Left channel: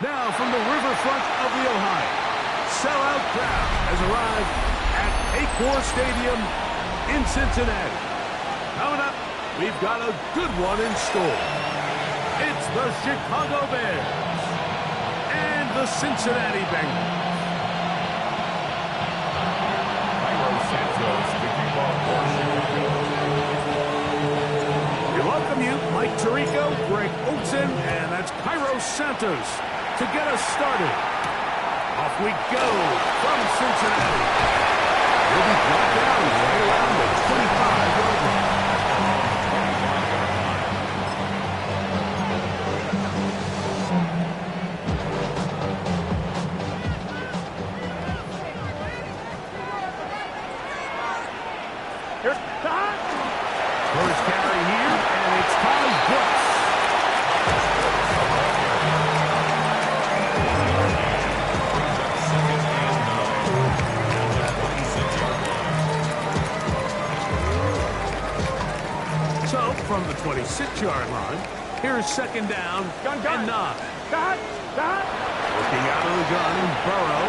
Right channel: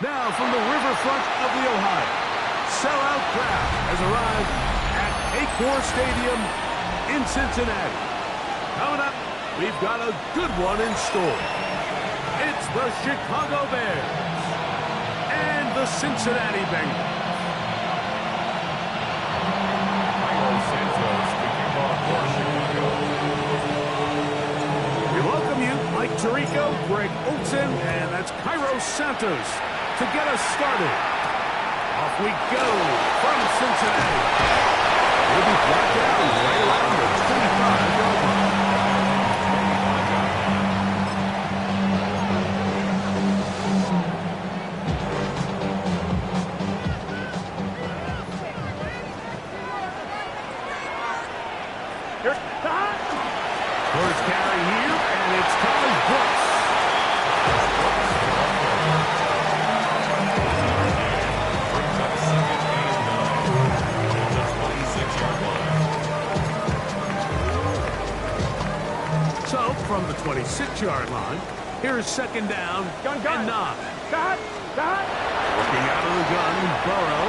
Now from the riverfront of the Ohio, sellout crowd has arrived at Paycor Stadium in Cincinnati. Coming up, we've got a good one in store. It's the Chicago Bears and the Cincinnati Bengals. We welcome you, Mike Tirico, Greg Olsen, and that's Cairo Santos to get us started. Off we go from Cincinnati. He'll be brought down right around the 25-yard line. First carry here, and it's Taj Brooks. Brings up 2nd and 9 at the 26-yard line. So, from the 26-yard line, here's 2nd down and 9. Looking out of the gun, Burrow.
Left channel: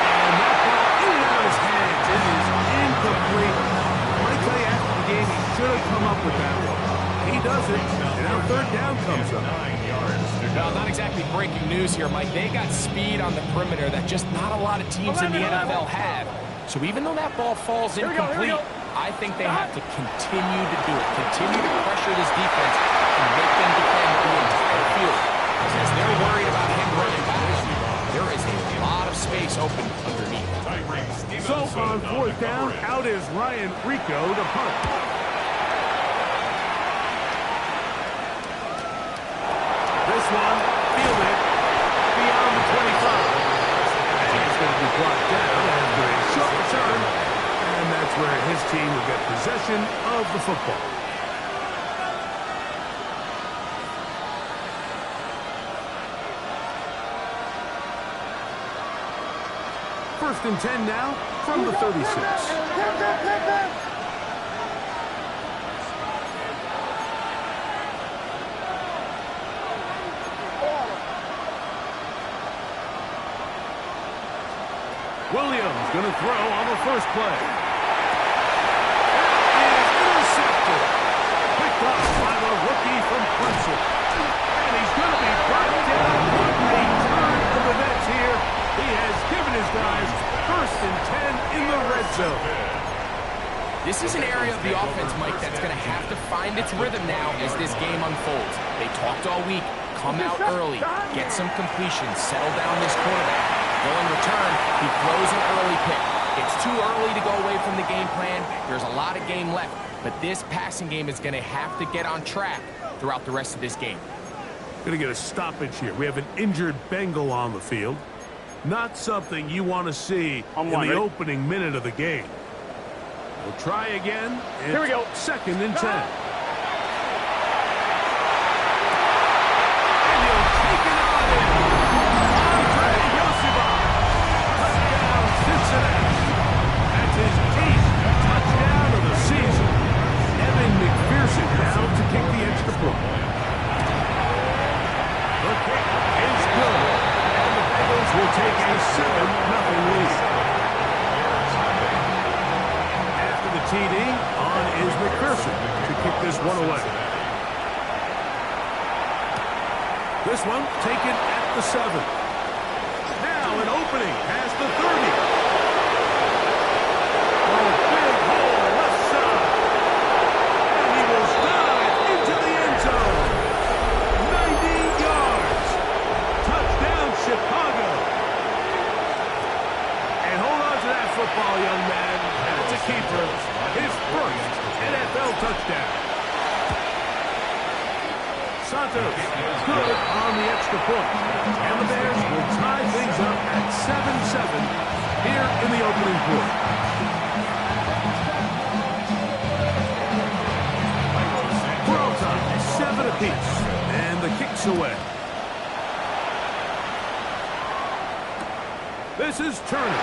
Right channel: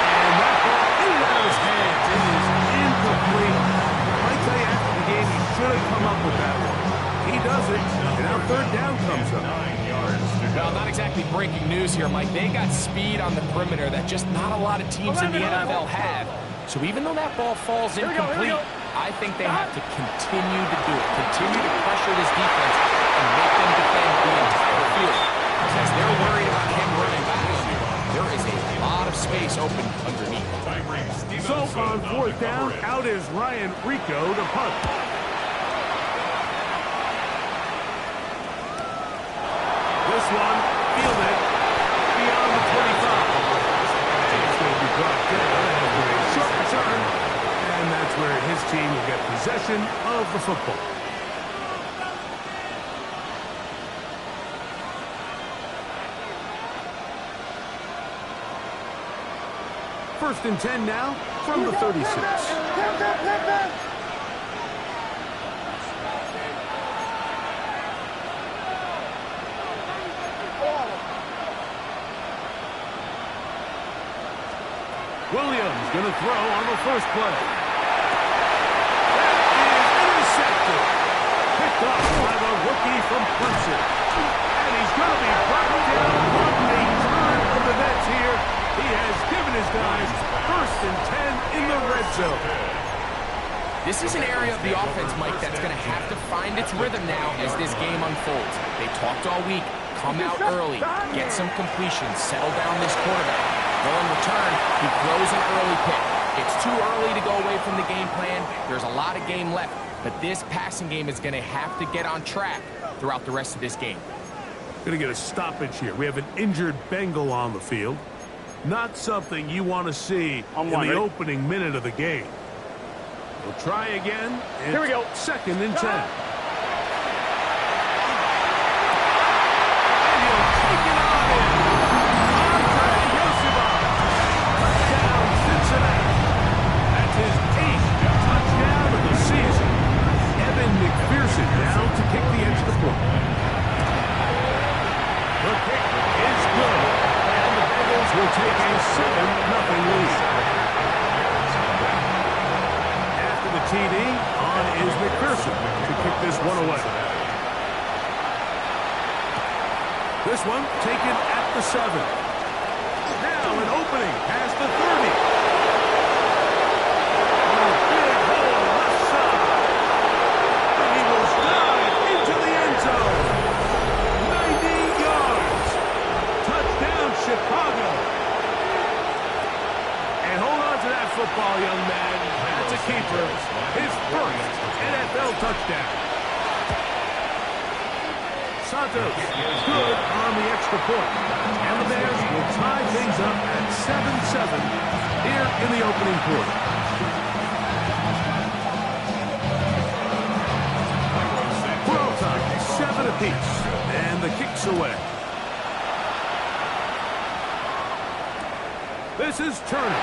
And that ball in and out of his hands. It is incomplete. I tell you, after the game, he should have come up with that one. He does it, and now 3rd down comes up. 9 yards. Well, not exactly breaking news here, Mike. They got speed on the perimeter that just not a lot of teams in the NFL have. So even though that ball falls incomplete, I think they have to continue to do it. Continue to pressure this defense and make them defend the entire field. Because as they're worried about him running back, there is a lot of space open underneath. So on 4th down, out is Ryan Rico to punt. This one fielded beyond the 25. And he's going to be brought down after a short return. And that's where his team will get possession of the football. First and 10 now from the 36. Williams going to throw on the first play. That is intercepted. Picked up by the rookie from Clemson. And he's going to be brought down on a turn of the nets here. He has given his guys 1st and 10 in the red zone. This is an area of the offense, Mike, that's going to have to find its rhythm now as this game unfolds. They talked all week. Come out early. Get some completions. Settle down this quarterback. Well, in return, he throws an early pick. It's too early to go away from the game plan. There's a lot of game left. But this passing game is going to have to get on track throughout the rest of this game. Going to get a stoppage here. We have an injured Bengal on the field. Not something you want to see in the opening minute of the game. We'll try again. Here we go. 2nd and 10. And he'll take it on in. Andre Yosibov. Touchdown, Cincinnati. That's his 8th touchdown of the season. Evan McPherson now to kick the extra point. The kick is good. And the Bengals will take a 7-0 lead. After the TD, on is McPherson to kick this one away. This one taken at the 7. Now an opening past the 30. Oh, big hole left side. And he will dive into the end zone. 90 yards. Touchdown, Chicago. And hold on to that football, young man. That's a keeper. His first NFL touchdown. Santos good on the extra point. And the Bears will tie things up at 7-7 here in the opening quarter. For all time, 7 apiece. And the kick's away. This is Turner.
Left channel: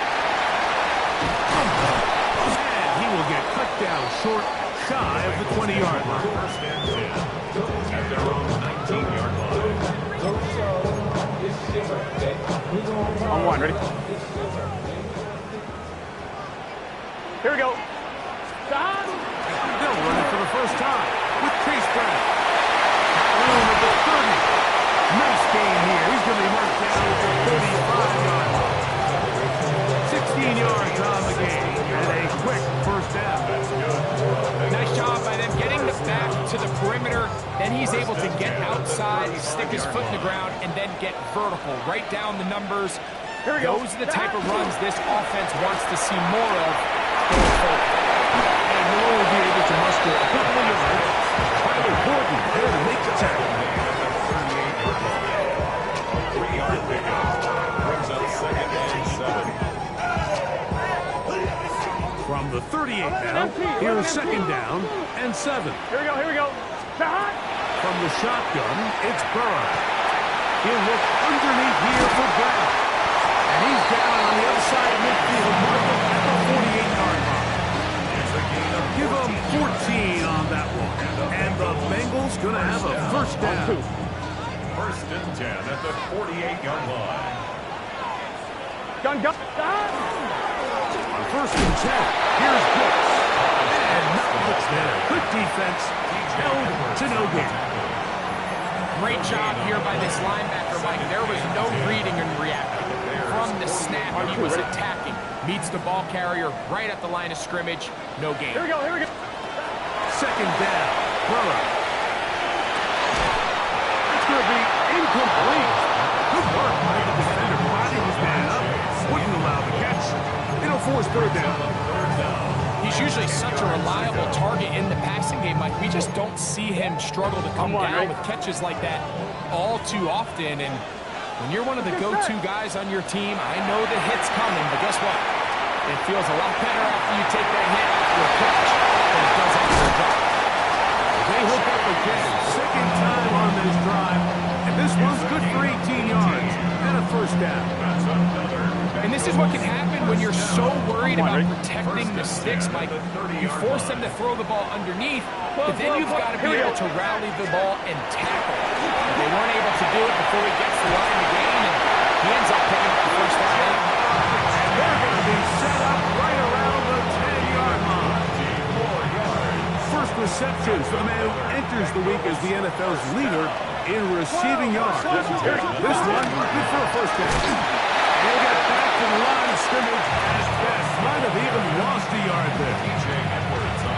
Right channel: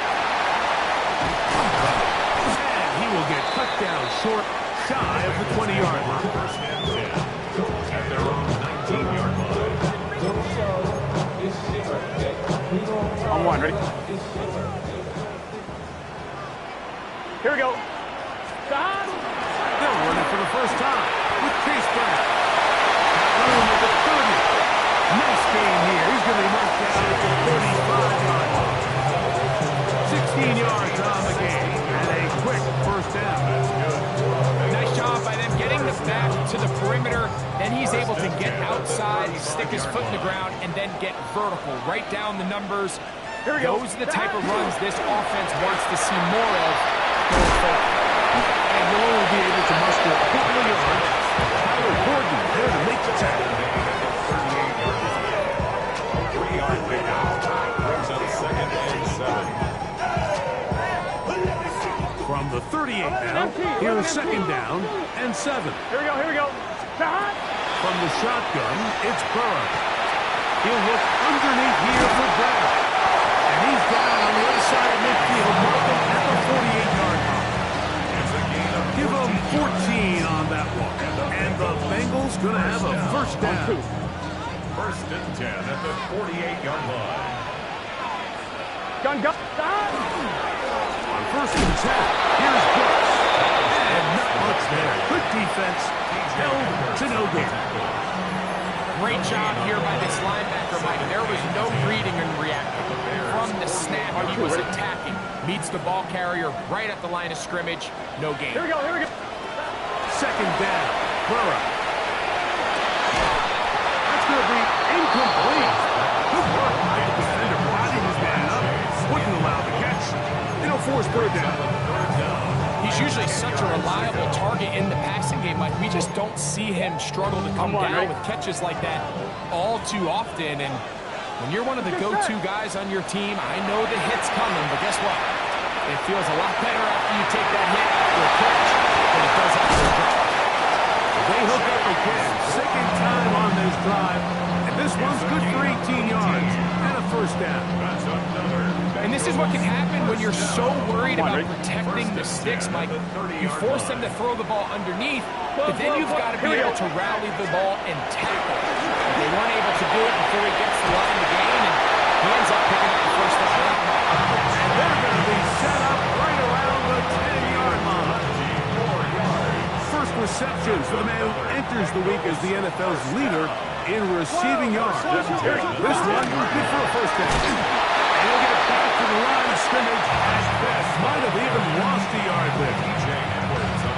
And he will get cut down short, shy of the 20-yard line. First and 10 at their own 19-yard line. On one, ready? Here we go. Stop. They're running for the first time with Chase Brown. Got room at the 30. Nice game here. He's going to be marked down at the 35-yard line. 16 yards on the game and a quick first down. That's good. Nice job by them getting the back to the perimeter. Then he's able to get outside, stick his foot in the ground, and then get vertical. Right down the numbers. Here we go. Those are the type of runs this offense wants to see more of going forward. And he'll only be able to muster a couple of yards. Tyler Gordon there to make the tackle. A 3-yard pickup. Brings up 2nd and 7. From the 38 now, here's 2nd down and 7. Here we go, here we go. Stop. From the shotgun, it's Burrow. He'll look underneath here for Brown. And he's down on the other side of midfield, marking at the 48-yard line. It's a gain of Give him 14 on that one. And the Bengals going to have a first down. 1st and 10 at the 48-yard line. Gun. Stop. On 1st and 10, here's Brooks. And not much there. Good defense. Held to no gain. Great job here by this linebacker, Mike. There was no reading and reacting. From the snap, he was attacking. Meets the ball carrier right at the line of scrimmage. No gain. Here we go, here we go. 2nd down, Burrow. That's going to be incomplete. Good work by the defender. Body his man up. Wouldn't allow the catch. It'll force 3rd down. He's usually such a reliable target in the passing game, Mike. We just don't see him struggle to come down with catches like that all too often. And when you're one of the go-to guys on your team, I know the hit's coming, but guess what? It feels a lot better after you take that hit after a catch than it does after a drop. They hook up again. 2nd time on this drive. And this one's good for 18 yards and a first down. That's another. And this is what can happen when you're so worried about protecting the sticks, Mike. You force them to throw the ball underneath, but then you've got to be able to rally the ball and tackle. They weren't able to do it before he gets the line to gain, and he ends up picking up the first down. And they're going to be set up right around the 10-yard line. 4 yards. First reception for the man who enters the week as the NFL's leader in receiving yards. This one, good for a first down. And he'll get back to the line of scrimmage at best. Might have even lost a yard there.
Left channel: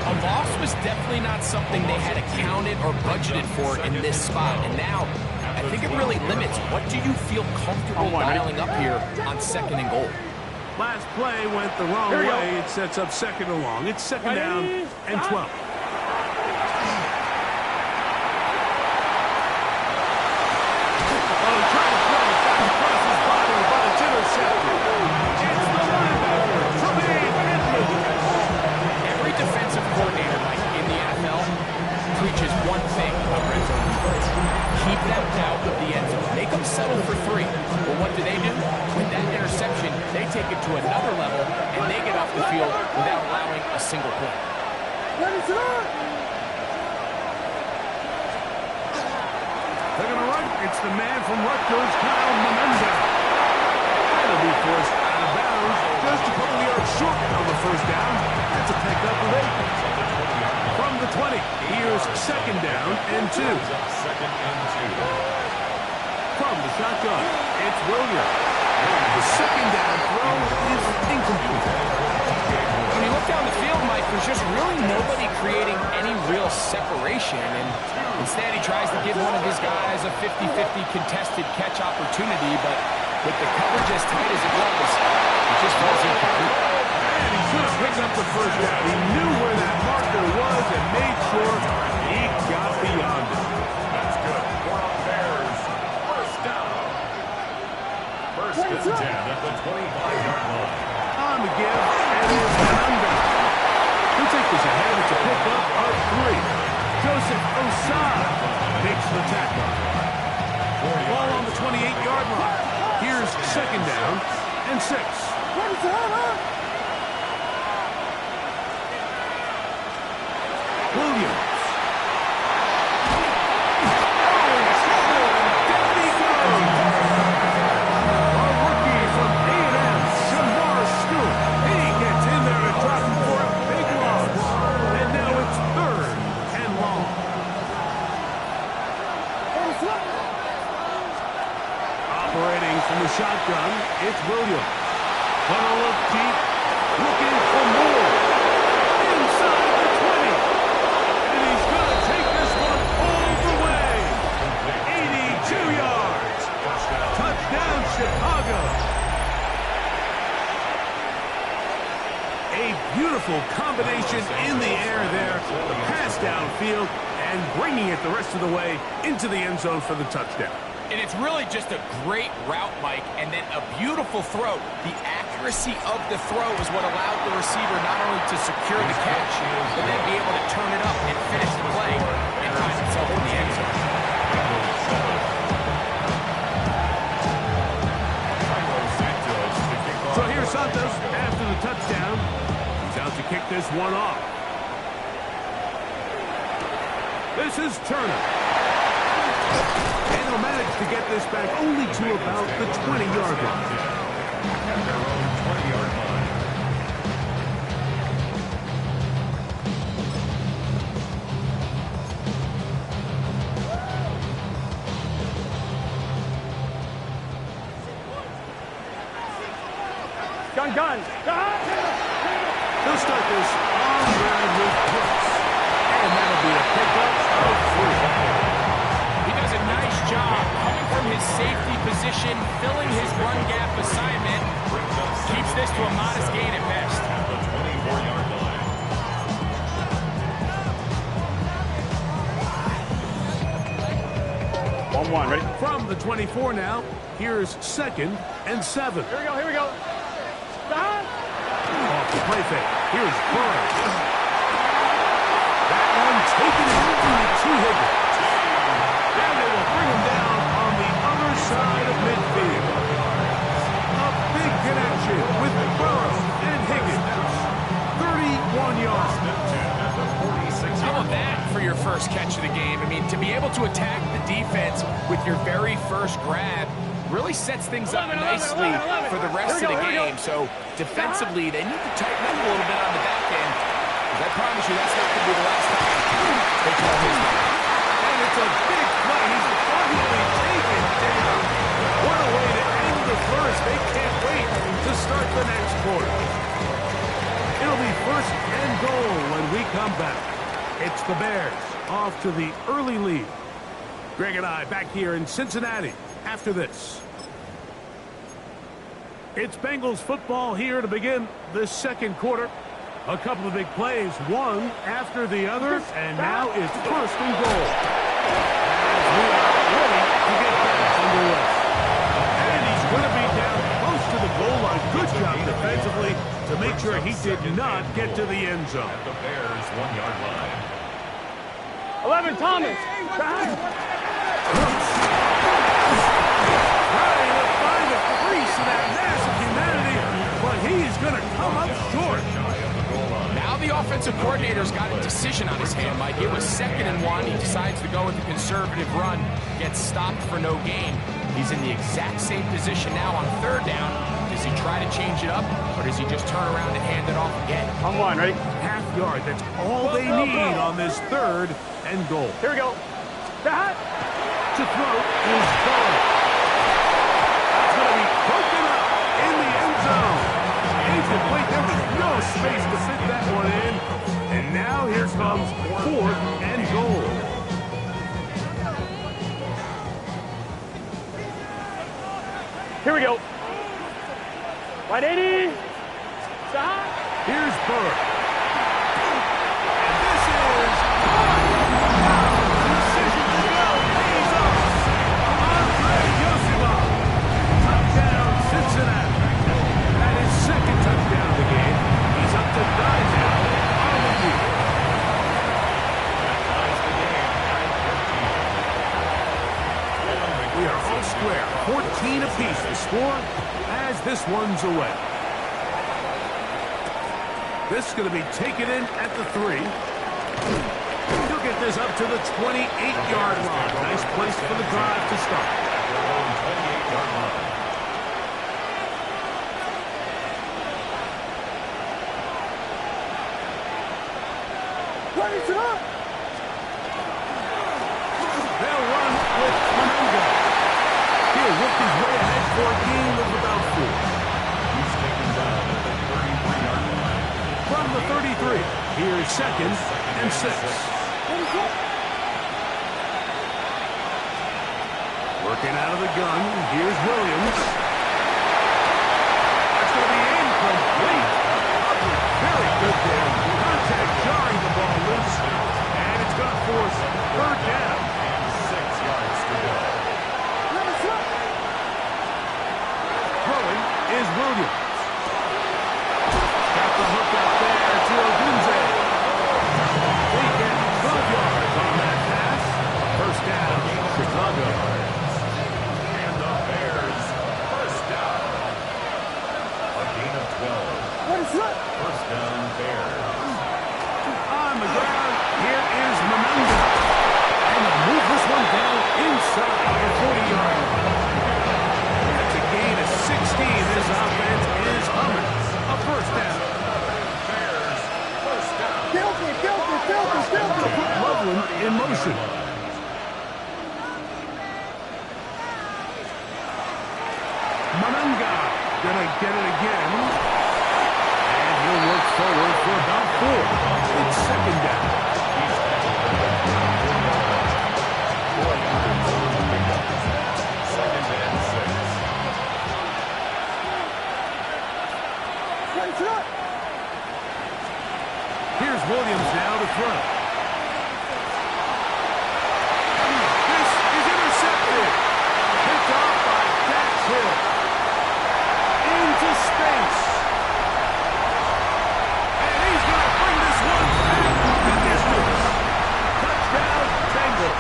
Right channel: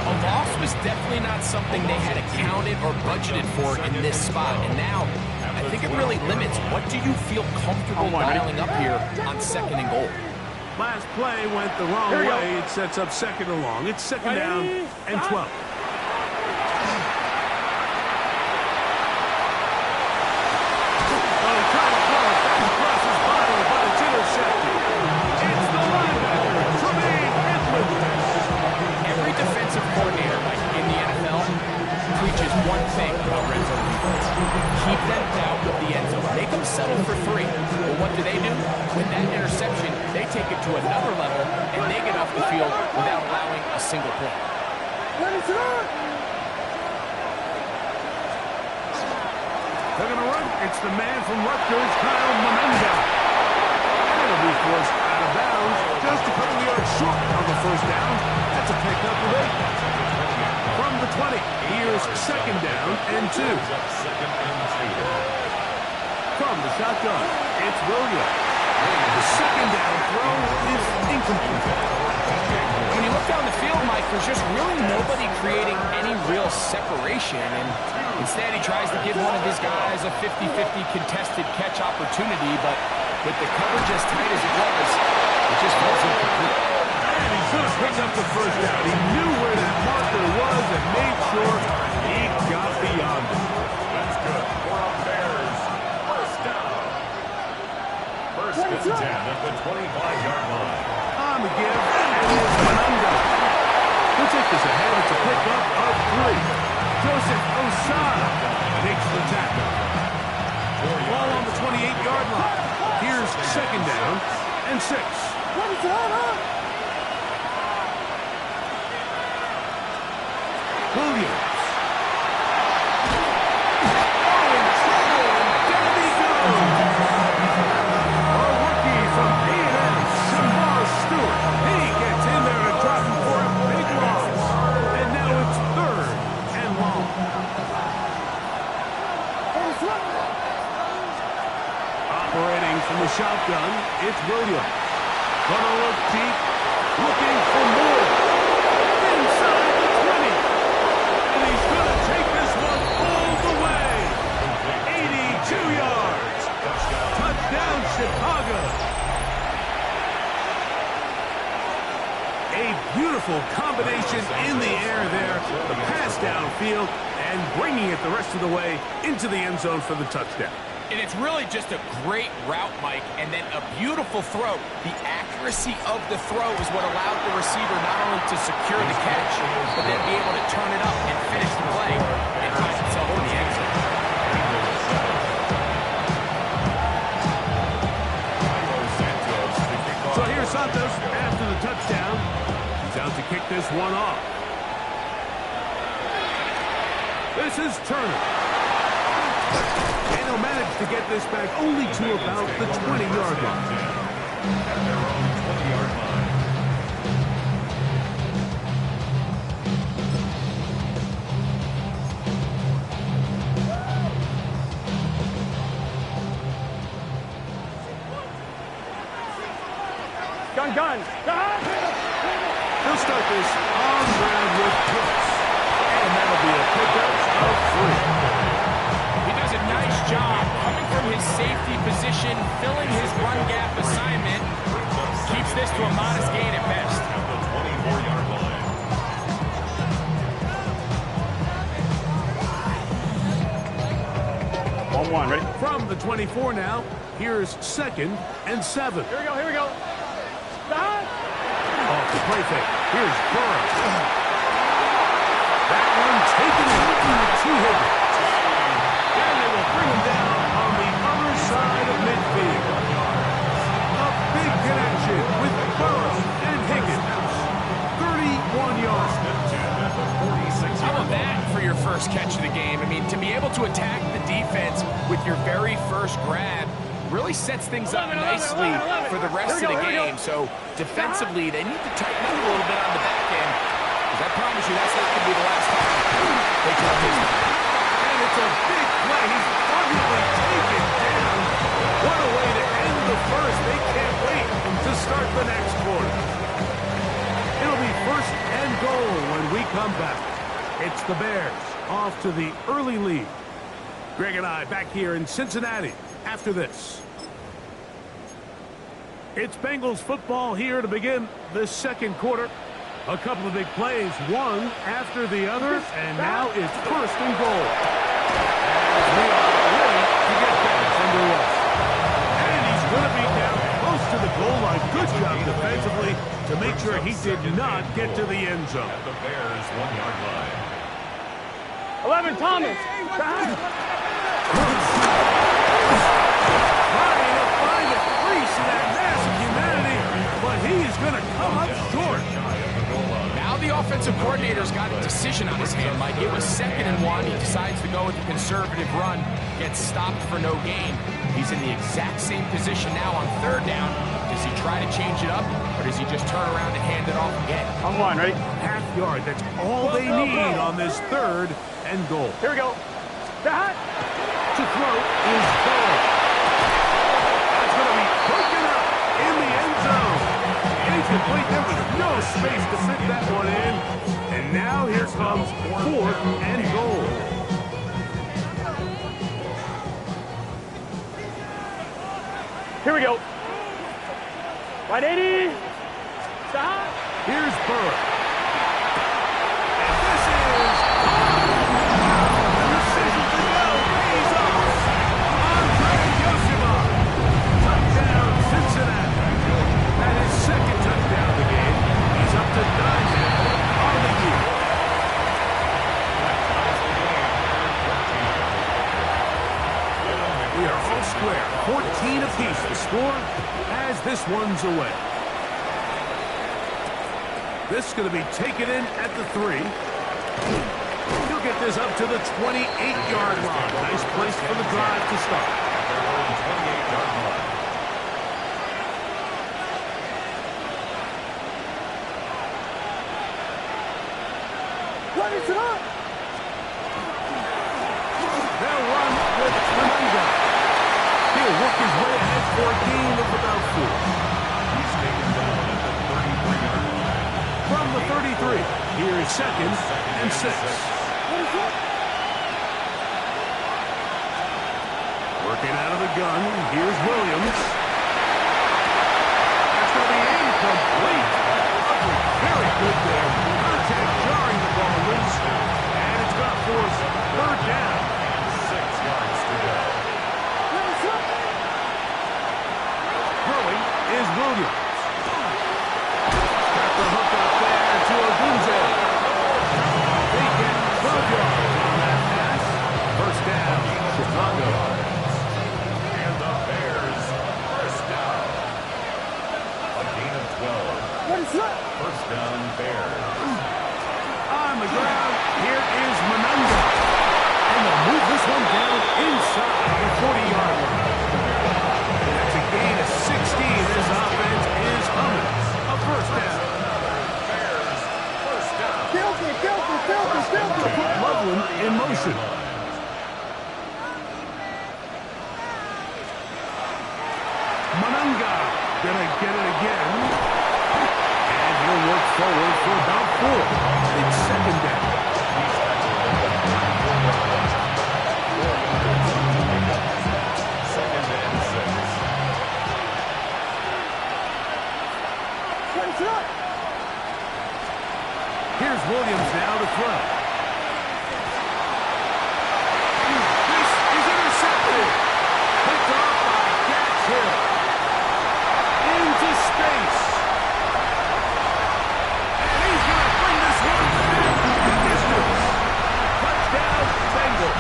A loss was definitely not something they had accounted or budgeted for in this spot. And now, I think it really limits what do you feel comfortable dialing up here on 2nd and goal. Last play went the wrong way. It sets up 2nd and long. It's 2nd down and 12. Intercepted. It's the linebacker, Tremaine Edmonds. Every defensive coordinator, like in the NFL, preaches one thing about red zone defense. Keep them out of the end zone. Make them settle for 3. Well, what do? With that interception, they take it to another level, and they get off the field without allowing a single point. They're going to run. It's the man from Rutgers, Kyle Monenda. It'll be forced out of bounds, just a couple of yards short on the first down. That's a pickup of 8. From the 20, here's 2nd down and 2. From the shotgun, it's Williams. The 2nd down throw is incomplete. When you look down the field, Mike, there's just really nobody creating any real separation, and instead he tries to give one of his guys a 50-50 contested catch opportunity, but with the coverage as tight as it was, it just falls incomplete. And he should have picked up the first down. He knew where that marker was and made sure he got beyond it. That's good for a Bears first down. 1st and 10 at the 25-yard line. On the give, and it's Monenda. He'll take this ahead. It's a pickup of 3. Joseph Osai makes the tackle. Ball on the 28-yard line. Here's 2nd down and 6. Williams. Oh, in trouble. Down he shotgun. It's Williams. Gonna look deep. Looking for more. Inside the 20. And he's gonna take this one all the way. 82 yards. Touchdown, Chicago. A beautiful combination in the air there. The pass downfield and bringing it the rest of the way into the end zone for the touchdown. And it's really just a great route, Mike, and then a beautiful throw. The accuracy of the throw is what allowed the receiver not only to secure the catch, but then be able to turn it up and finish the play and find himself in the end zone. So here's Santos after the touchdown. He's out to kick this one off. This is Turner. And he'll manage to get this back only to about the 20-yard line. At their own 20-yard line. Gun. He'll start this on the ground with Brooks. And that'll be a pickup of 3. He does a nice job coming from his safety position, filling his run gap assignment. Keeps this to a modest gain at best. At the 24-yard line. 1-1, ready? From the 24 now, here's 2nd and 7. Here we go. Stop. Off the play fake. Here's Burrow. That one taken to Higgins. And they will bring him down on the other side of midfield. A big connection with Burrow and Higgins. 31 yards. How about that for your first catch of the game? I mean, to be able to attack the defense with your very first grab really sets things up nicely for the rest of the game. So defensively, they need to tighten up a little bit on the back end, because I promise you that's not going to be the last time they call his number. And it's a big play. He's finally taken down. What a way to end the first. They can't wait to start the next quarter. It'll be 1st and goal when we come back. It's the Bears off to the early lead. Greg and I back here in Cincinnati after this. It's Bengals football here to begin the second quarter. A couple of big plays, one after the other, and now it's 1st and goal. As we are ready to get back underway. And he's going to be down close to the goal line. Good job defensively to make sure he did not get to the end zone. At the Bears' 1-yard line. 11, Thomas. Trying to find a crease in that mass of humanity, but he's going to come up short. Now the offensive coordinator's got a decision on his hand, Mike. It was 2nd and 1. He decides to go with the conservative run, gets stopped for no gain. He's in the exact same position now on 3rd down. Does he try to change it up, or does he just turn around and hand it off again? On 1, ready? Half yard, that's all they need on this 3rd and goal. Here we go. Stop. To throw is Burrow. That's going to be broken up in the end zone. Incomplete. There was no space to fit that one in. And now here comes 4th and goal. Here we go. Right 80. Stop. Here's Burrow. And this is on. Wow, the decision to go pays off. Andre Yosima. Touchdown, Cincinnati. That is 2nd touchdown of the game. He's up to 9 now on the year. That ties the game at 14. We are all square. 14 apiece the score as this one's away. This is going to be taken in at the 3. He'll get this up to the 28-yard line. Nice place for the drive to start. At their own 28-yard line. What is it up? They'll run with Kananga. He'll work his way ahead for a gain of about 4. He's taken down at the 33-yard line. From the 33, here's second and 6. Working out of the gun, here's Williams. That's going to be incomplete. Very good there. Contact jarring the ball loose. And it's going to force third down. And 6 yards to go. Throwing is Williams. Got the hook up there to Ogunze. They get 12 yards on that pass. First down, Chicago. And the Bears, first down. A gain of 12. First down, Bears. On the ground, here is Manunga. And they'll move this one down inside the 40-yard line. That's a gain of 16. This offense is humming. A first down. Bears, first down. To put Loveland in motion. Manunga gonna get it again. And he'll work forward for about 4. It's second down. He's tackled at the 34-yard line. 4 yards on the pickup. Second and 6. Here's Williams now to throw. This is intercepted. Picked off by Dax Hill. Into space. And he's going to bring this one back the distance. Touchdown, Bengals.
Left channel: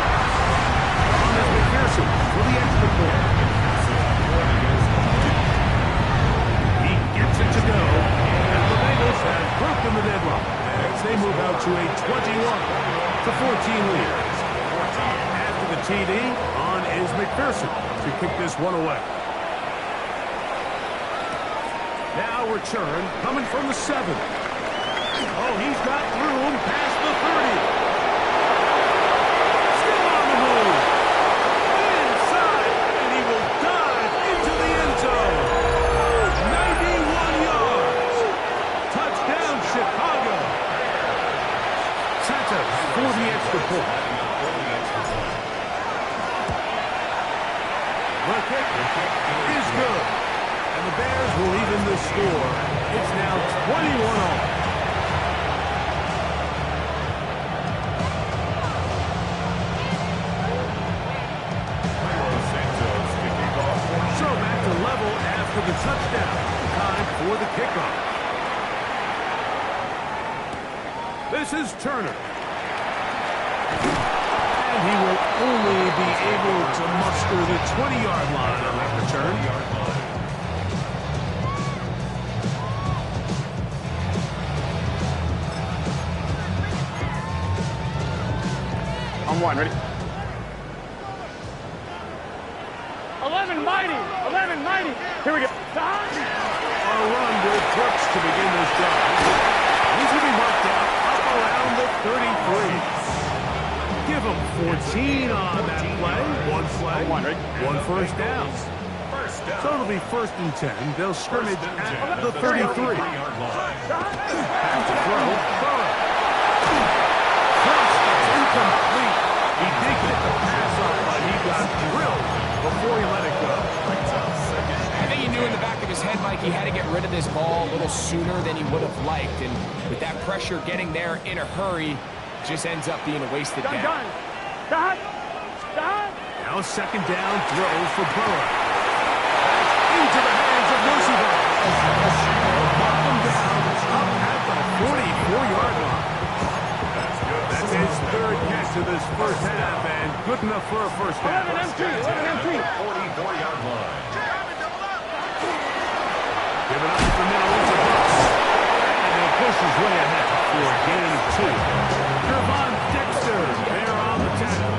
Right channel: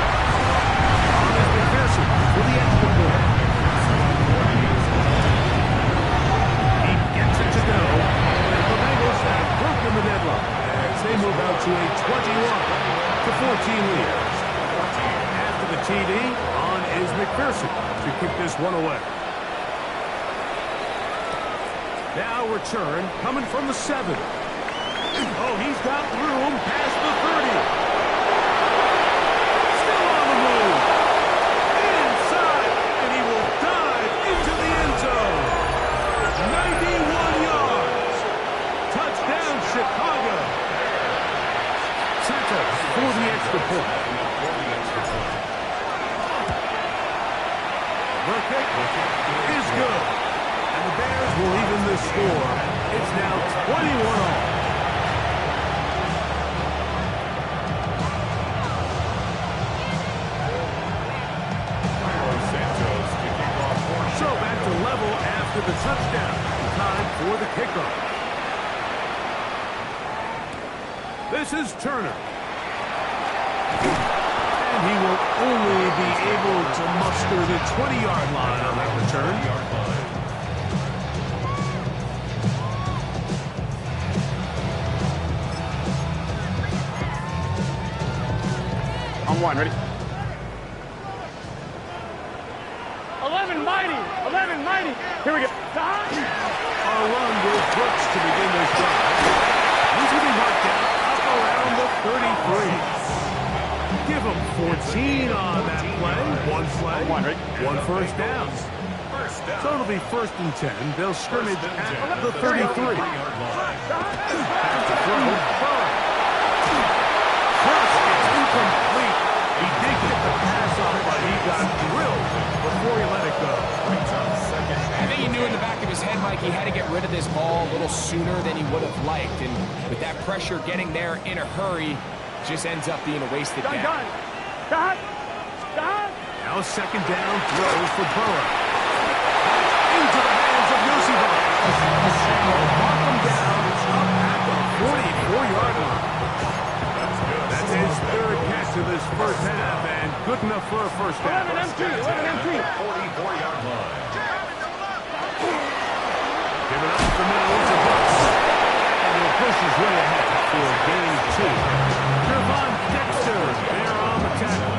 On is McPherson for the extra point. He gets it to go. And the Bengals have broken the deadlock as they move out to a 21-14 lead. After the TD, on is McPherson to kick this one away. Now return coming from the 7. Oh, he's got room past the 30. Still on the move. Inside, and he will dive into the end zone. 91 yards. Touchdown, Chicago. Santos for the extra point. The kick is good. And the Bears will even this score. It's now 21-all. So back to level after the touchdown. Time for the kickoff. This is Turner. And he will only be able to muster the 20-yard line on that return. On 1, ready? 11 mighty. Here we go. A run with Brooks to begin this drive. He's going to be marked out up around the 33. Give him 14 on that play. One play. One first down. So it'll be first and 10. They'll scrimmage at the 33. Back to throw. Cross gets incomplete. He did get the pass off, but he got drilled before he let it go. I think he knew in the back of his head, Mike, he had to get rid of this ball a little sooner than he would have liked. And with that pressure getting there in a hurry, just ends up being a wasted down. Now second down throw for Burrow. Into the hands of Yoshiba. Mark him down up at the 44-yard line. That's his third catch of this first half, and good enough for a first down. 44-yard line. Giving up the middle into Brooks. And he'll push his way ahead for a gain of 2. Gervon Dexter there on the tackle.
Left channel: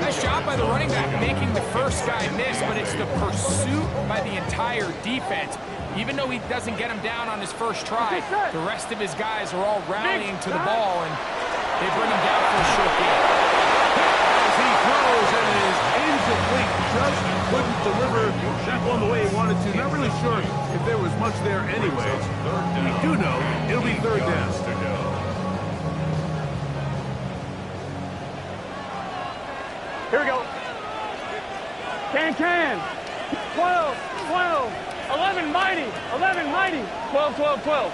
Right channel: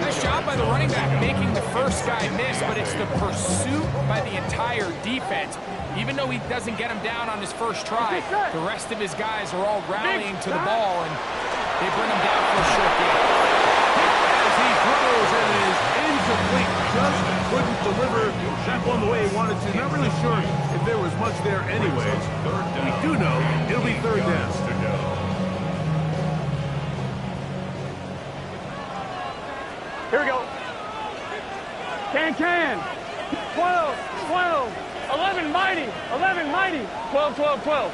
Nice job by the running back making the first guy miss, but it's the pursuit by the entire defense. Even though he doesn't get him down on his first try, the rest of his guys are all rallying to the ball, and they bring him down for a short gain. As he throws and it is incomplete. Just couldn't deliver that one the way he wanted to. Not really sure if there was much there anyways. We do know it'll be third down. Here we go. Can. 12, 12. 11, Mighty. 11, Mighty. 12, 12, 12.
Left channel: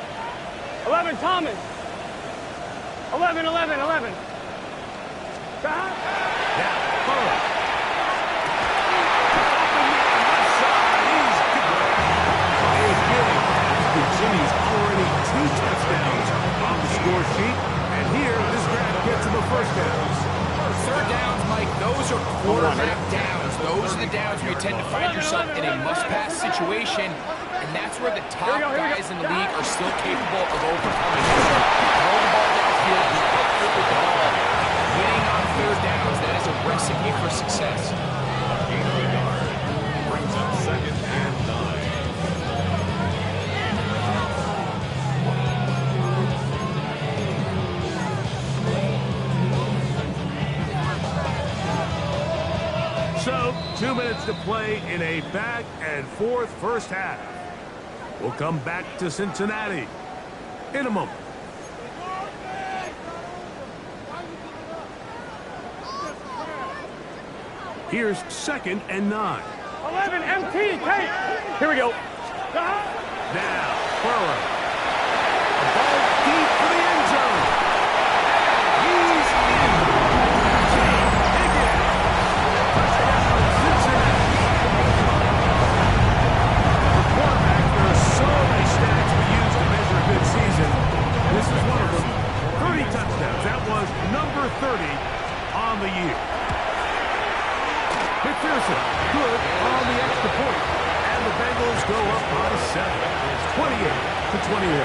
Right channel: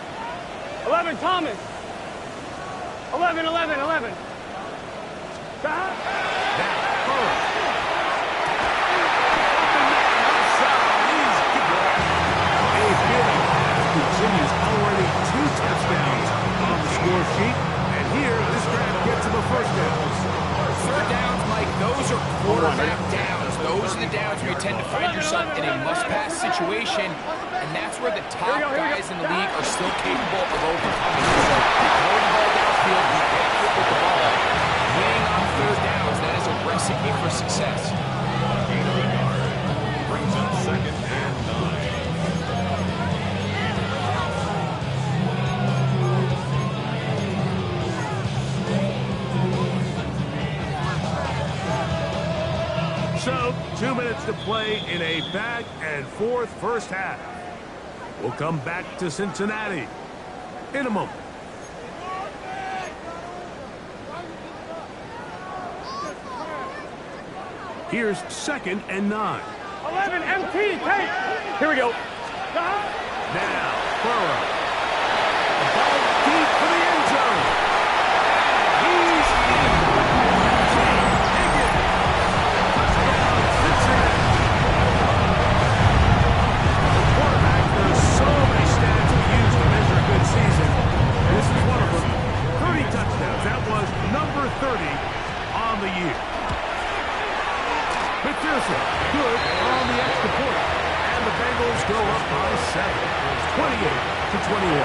11, Thomas. 11, 11, 11. Now, Burrow. Open man, left side. He's good. A big pass continues. Already 2 touchdowns on the score sheet. And here, this grab gets him a first down. Third downs, Mike, those are quarterback downs. Those are the downs where you tend to find yourself in a must-pass situation, and that's where the top guys in the league are still capable of overcoming it. So throw the ball downfield, be accurate with the ball. Winning on third downs, that is a recipe for success. Gain of a yard brings up 2nd and 9. So, 2 minutes to play in a back-and-forth first half. We'll come back to Cincinnati in a moment. Here's 2nd and 9. 11, MT, take. Here we go. Now, Burrow. The ball deep for the end zone. And he's in. Touchdown, Cincinnati. For quarterbacks, there are so many stats we use to measure a good season. This is one of them. 30 touchdowns. That was number 30 on the year. McPherson, good on the extra point. And the Bengals go up by 7. 28-21.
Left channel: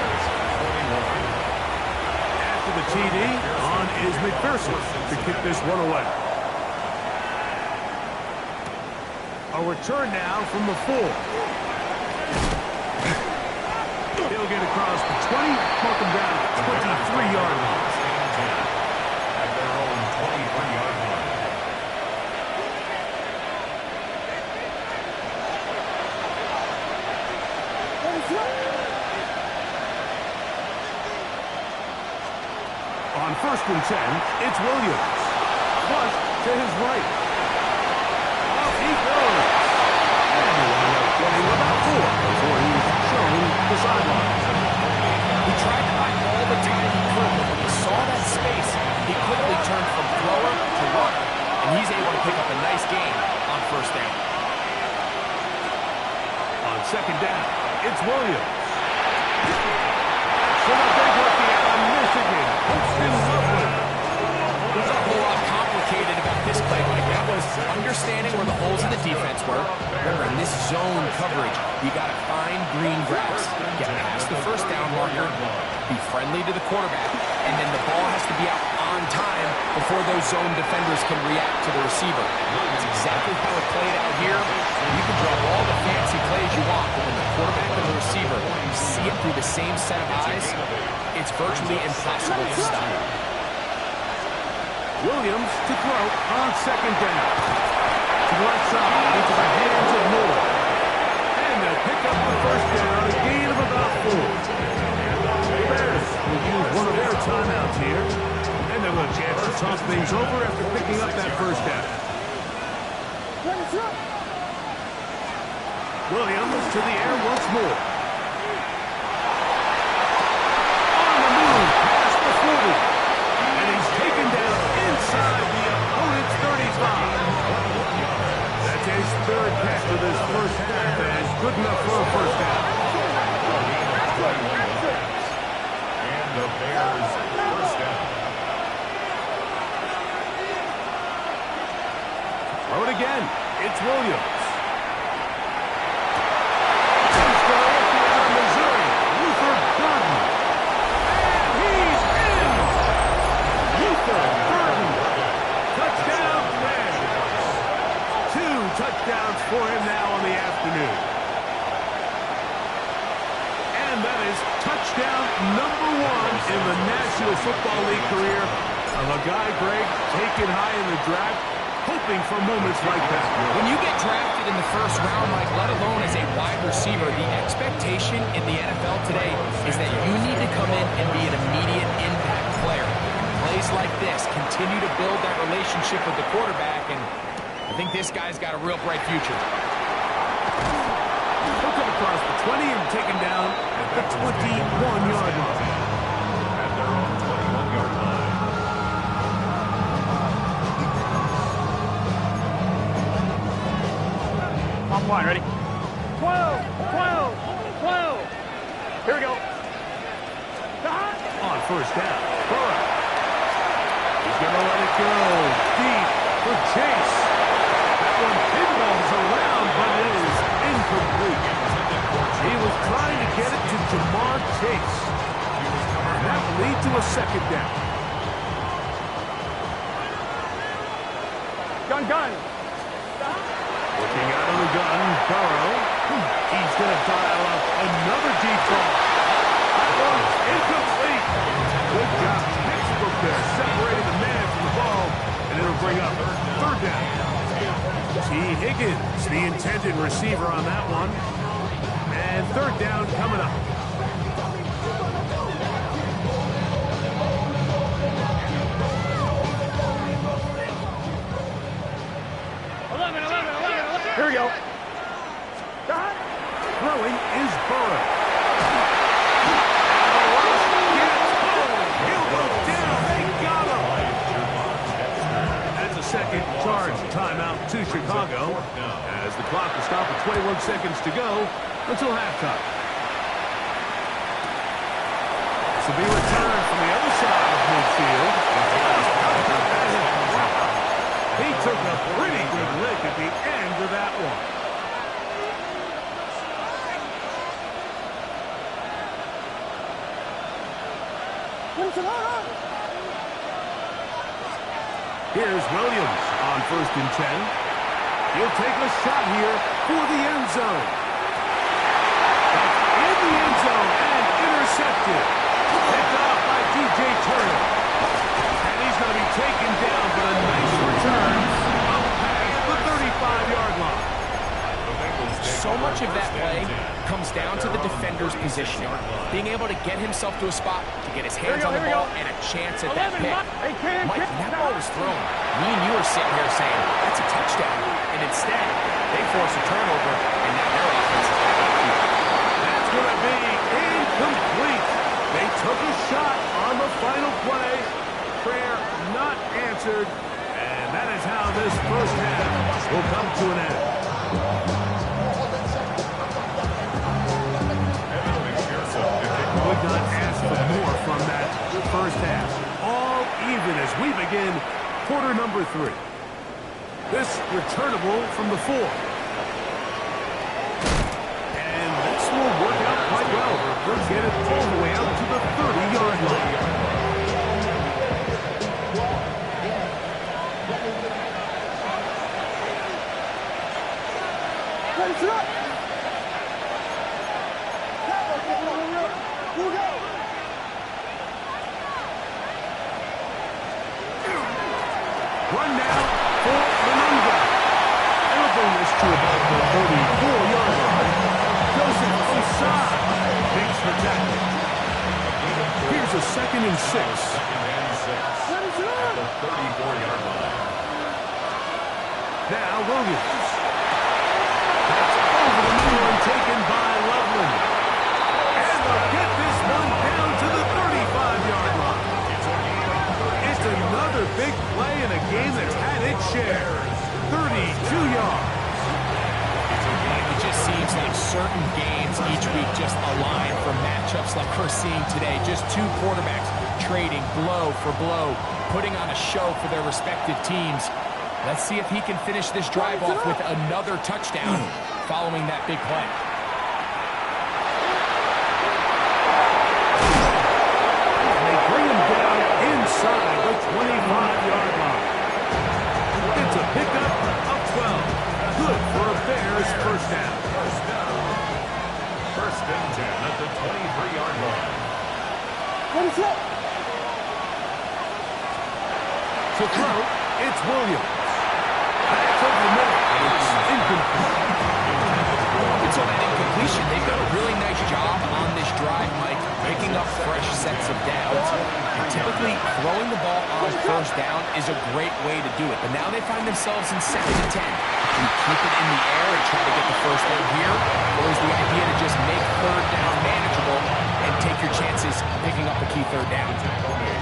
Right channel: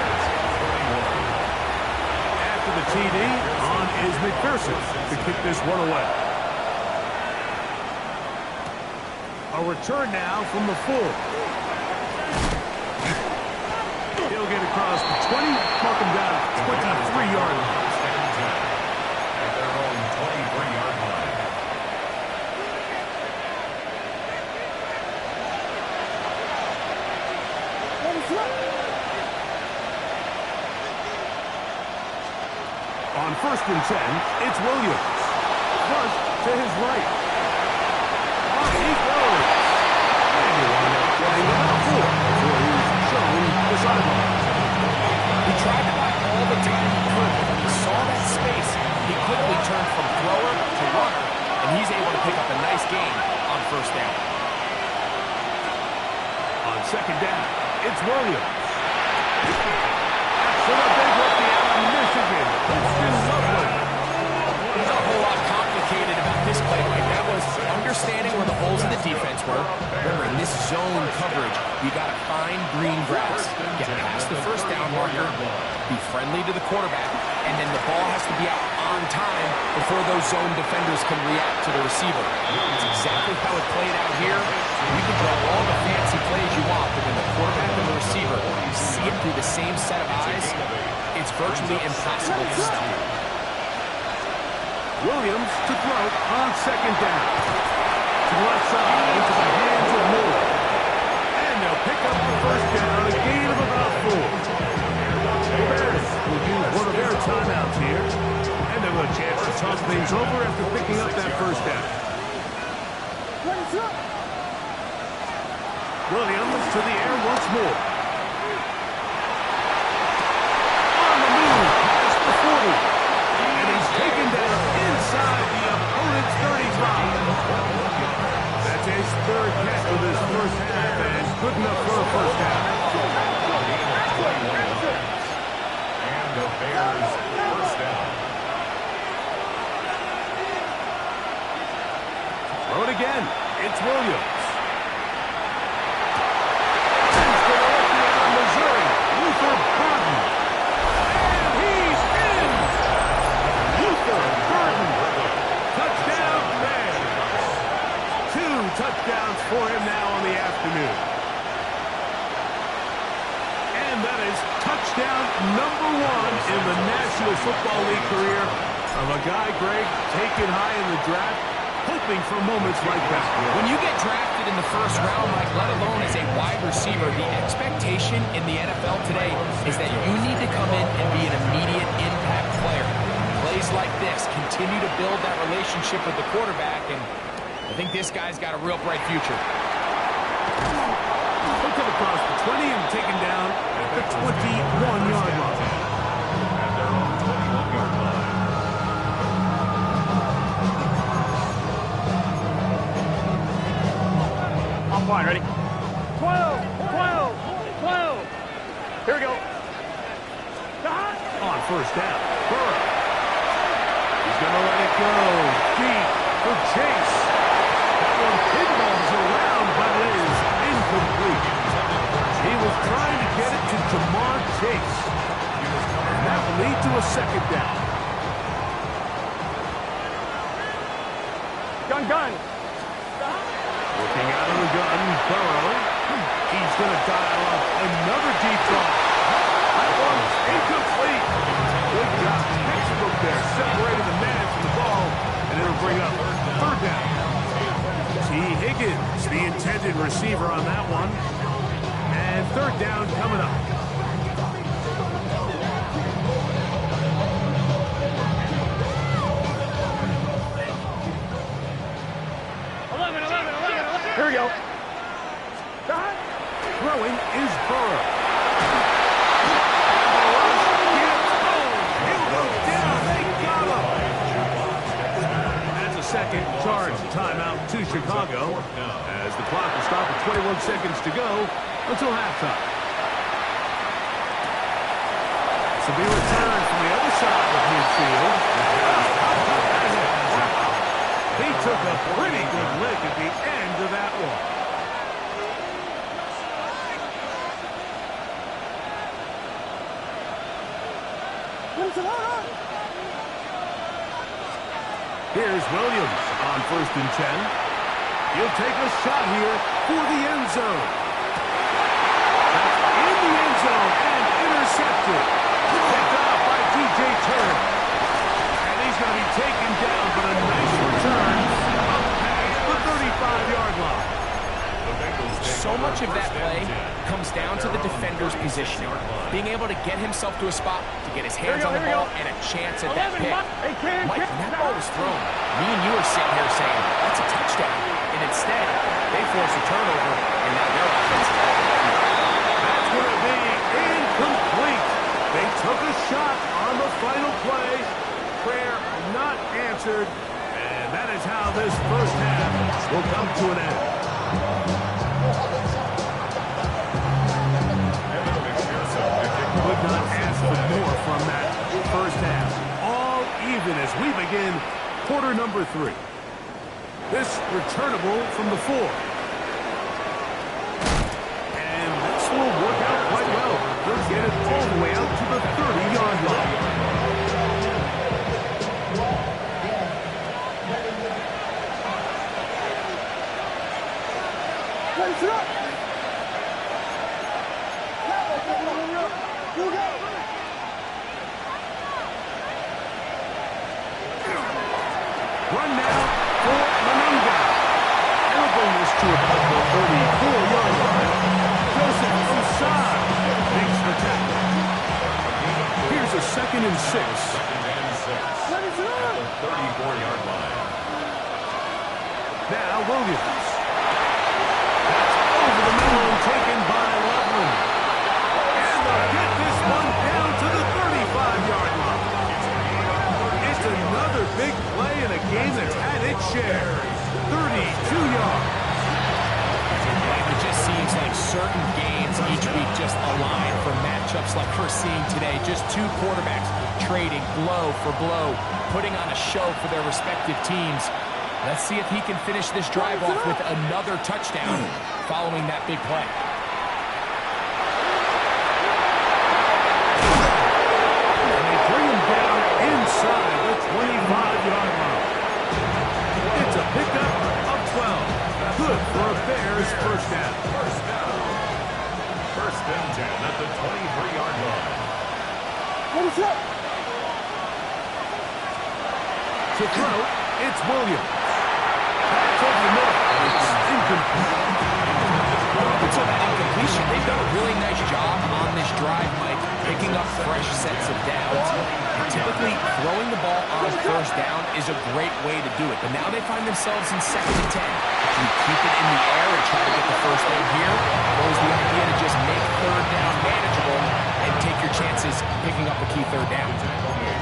After the TD, on is McPherson to kick this one away. A return now from the 4. He'll get across the 20, mark him down at the 23-yard line. At their own 23-yard line. On 1st and 10, it's Williams. Flush to his right. Off he goes. And you wind up getting about 4 before he's shown the sidelines. He tried to buy all the time he could, but when he saw that space, he quickly turned from thrower to runner, and he's able to pick up a nice gain on 1st down. On 2nd down, it's Williams. That's for the big rookie out of Michigan, Winston Loveland. There's a whole lot complicated about this play, Mike. That was understanding where the holes in the defense were. Remember, in this zone coverage, you got to find green grass, get past the 1st down marker, be friendly to the quarterback, and then the ball has to be out on time before those zone defenders can react to the receiver. That's exactly how it played out here. You can draw all the fancy plays you want, but when the quarterback and the receiver see it through the same set of eyes, it's virtually impossible to stop. Williams to throw on 2nd down. To the left side, into the hands of Moore. And they'll pick up the 1st down, a gain of about 4. Bears will use one of their timeouts here. And they'll have a chance to talk things over after picking up that 1st down. Williams to the air once more. On the move, past the 40. And he's taken down inside the opponent's 35. That's his 3rd catch of this first half, and good enough for a 1st down. And the Bears 1st down. Throw it again. It's Williams. He's going to look out of Missouri. Luther Burden. And he's in. Luther Burden. Touchdown, Bears. 2 touchdowns for him now on the afternoon. And that is touchdown number 1 in the National Football League career of a guy, Greg, taken high in the draft. hoping for moments like that. When you get drafted in the first round, Mike, let alone as a wide receiver, the expectation in the NFL today is that you need to come in and be an immediate impact player. Plays like this continue to build that relationship with the quarterback, and I think this guy's got a real bright future. He'll come across the 20 and taken down at the 21-yard line. At their own 21-yard line. On point, ready? 12, 12, 12. Here we go. On first down, Burrow. He's going to let it go deep for Chase. That one pinballs around, but it is incomplete. He was trying to get it to Jamar Chase. And that will lead to a second down. Gun. Looking out of the gun, Burrow. He's going to dial up another deep ball. That one's incomplete. Good job, textbook there, separating the man from the ball, and it'll bring up third down. T. Higgins, the intended receiver on that one. And third down coming up. Here we go. Throwing is Burrow. And the rush gets home. He'll go down. They got him. That's a second charge timeout to Chicago as the clock will stop with 21 seconds to go until halftime. This will be returned from the other side of midfield. Oh, how about that hit? Wow. He took a pretty good lick at the end of that one. Here's Williams on 1st and 10. He'll take a shot here for the end zone. That's in the end zone and intercepted. Picked off by DJ Turner. And he's going to be taken down, but a nice return up past the 35-yard line. So much of that play comes down to the defender's positioning. Being able to get himself to a spot, to get his hands on the ball, and a chance at that pick. Mike, when that ball was thrown, me and you are sitting here saying, that's a touchdown. And instead, they force a turnover, and now their offense is off the field. That's going to be incomplete. They took a shot on the final play. Prayer not answered. And that is how this first half will come to an end. Could not ask for more from that first half. All even as we begin quarter number 3. This returnable from the 4. And this will work out quite well. They'll get it all the way out to the 30-yard line. Run now for Manunga. And we'll bring this to about the 34-yard line. Joseph Osai makes the tackle. Here's a 2nd and 6. 2nd and 6 at the 34-yard line. Now Williams. That's over the middle and taken by Loveland. And they'll get this one down to the 35-yard line. It's another big play in a game that's had its share. 32 yards. It just seems like certain games each week just align for matchups like we're seeing today. Just two quarterbacks trading blow for blow, putting on a show for their respective teams. Let's see if he can finish this drive off with another touchdown following that big play. And they bring him down inside the 25-yard line. It's a pickup of 12. Good for a Bears first down. First and 10 at the 23-yard line. To throw, it's Williams. That's over the middle. It's incomplete. And so that incompletion, they've done a really nice job on this drive, Mike, picking up fresh sets of downs. And typically, throwing the ball on first down is a great way to do it. But now they find themselves in 2nd and 10. Do you keep it in the air and try to get the first down here? Or is the idea to just make 3rd down manageable and take your chances picking up a key 3rd down?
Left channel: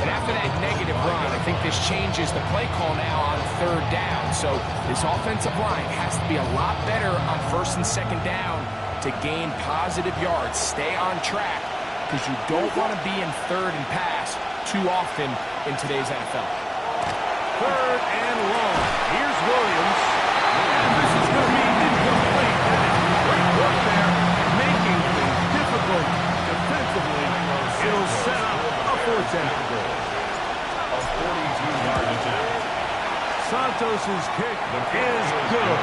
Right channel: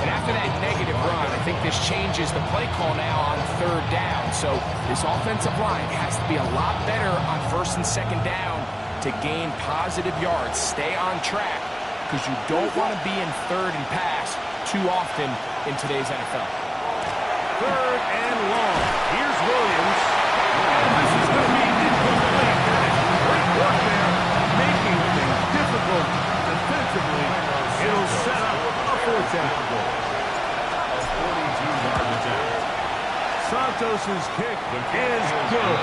And after that negative run, I think this changes the play call now on 3rd down. So this offensive line has to be a lot better on 1st and 2nd down to gain positive yards. Stay on track because you don't want to be in 3rd and pass too often in today's NFL. 3rd and long. Here's Williams. And this is going to be incomplete. That is great work there, making things difficult defensively. It'll set up a 4th down. A 42-yard attempt. Santos's kick is good.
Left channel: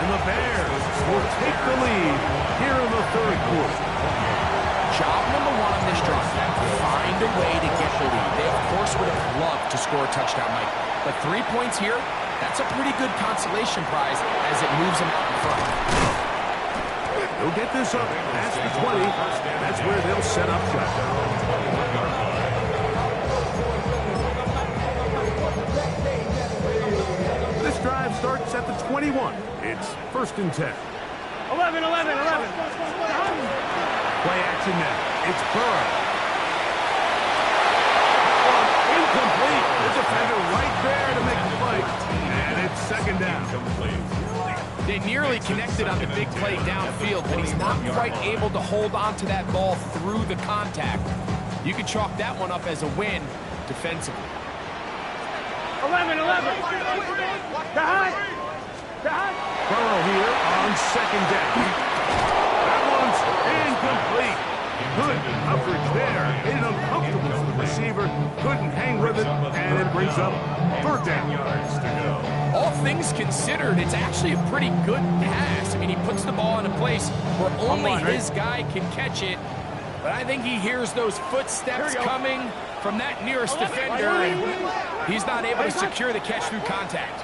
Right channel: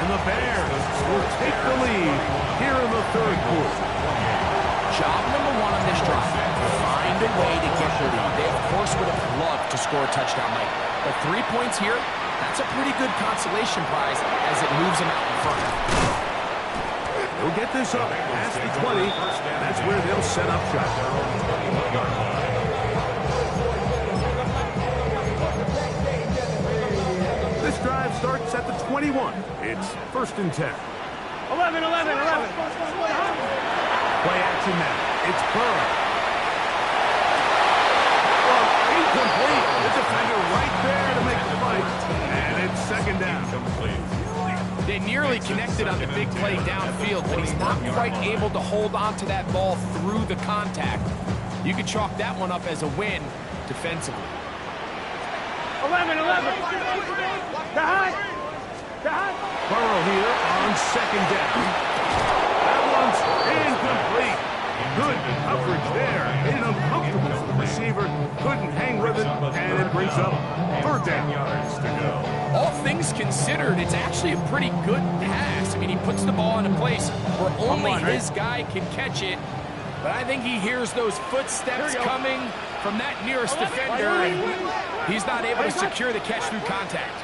And the Bears will take the lead here in the 3rd quarter. Job number 1 on this drive, find a way to get the lead. They, of course, would have loved to score a touchdown, Mike. But 3 points here, that's a pretty good consolation prize as it moves them out in front. They'll get this up past the 20. That's where they'll set up shop. This drive starts at the 21. It's 1st and 10. 11. Play action now. It's Burrow. Well, incomplete. The defender right there to make the fight. And it's 2nd down. They nearly connected on the big play downfield, but he's not quite able to hold on to that ball through the contact. You could chalk that one up as a win defensively. 11. Burrow here on 2nd down. That one's incomplete. Good coverage there. Made it uncomfortable for the receiver. Couldn't hang with it, and it brings up 3rd down. All things considered, it's actually a pretty good pass. I mean, he puts the ball in a place where only his guy can catch it. But I think he hears those footsteps coming from that nearest defender, and he's not able to secure the catch through contact.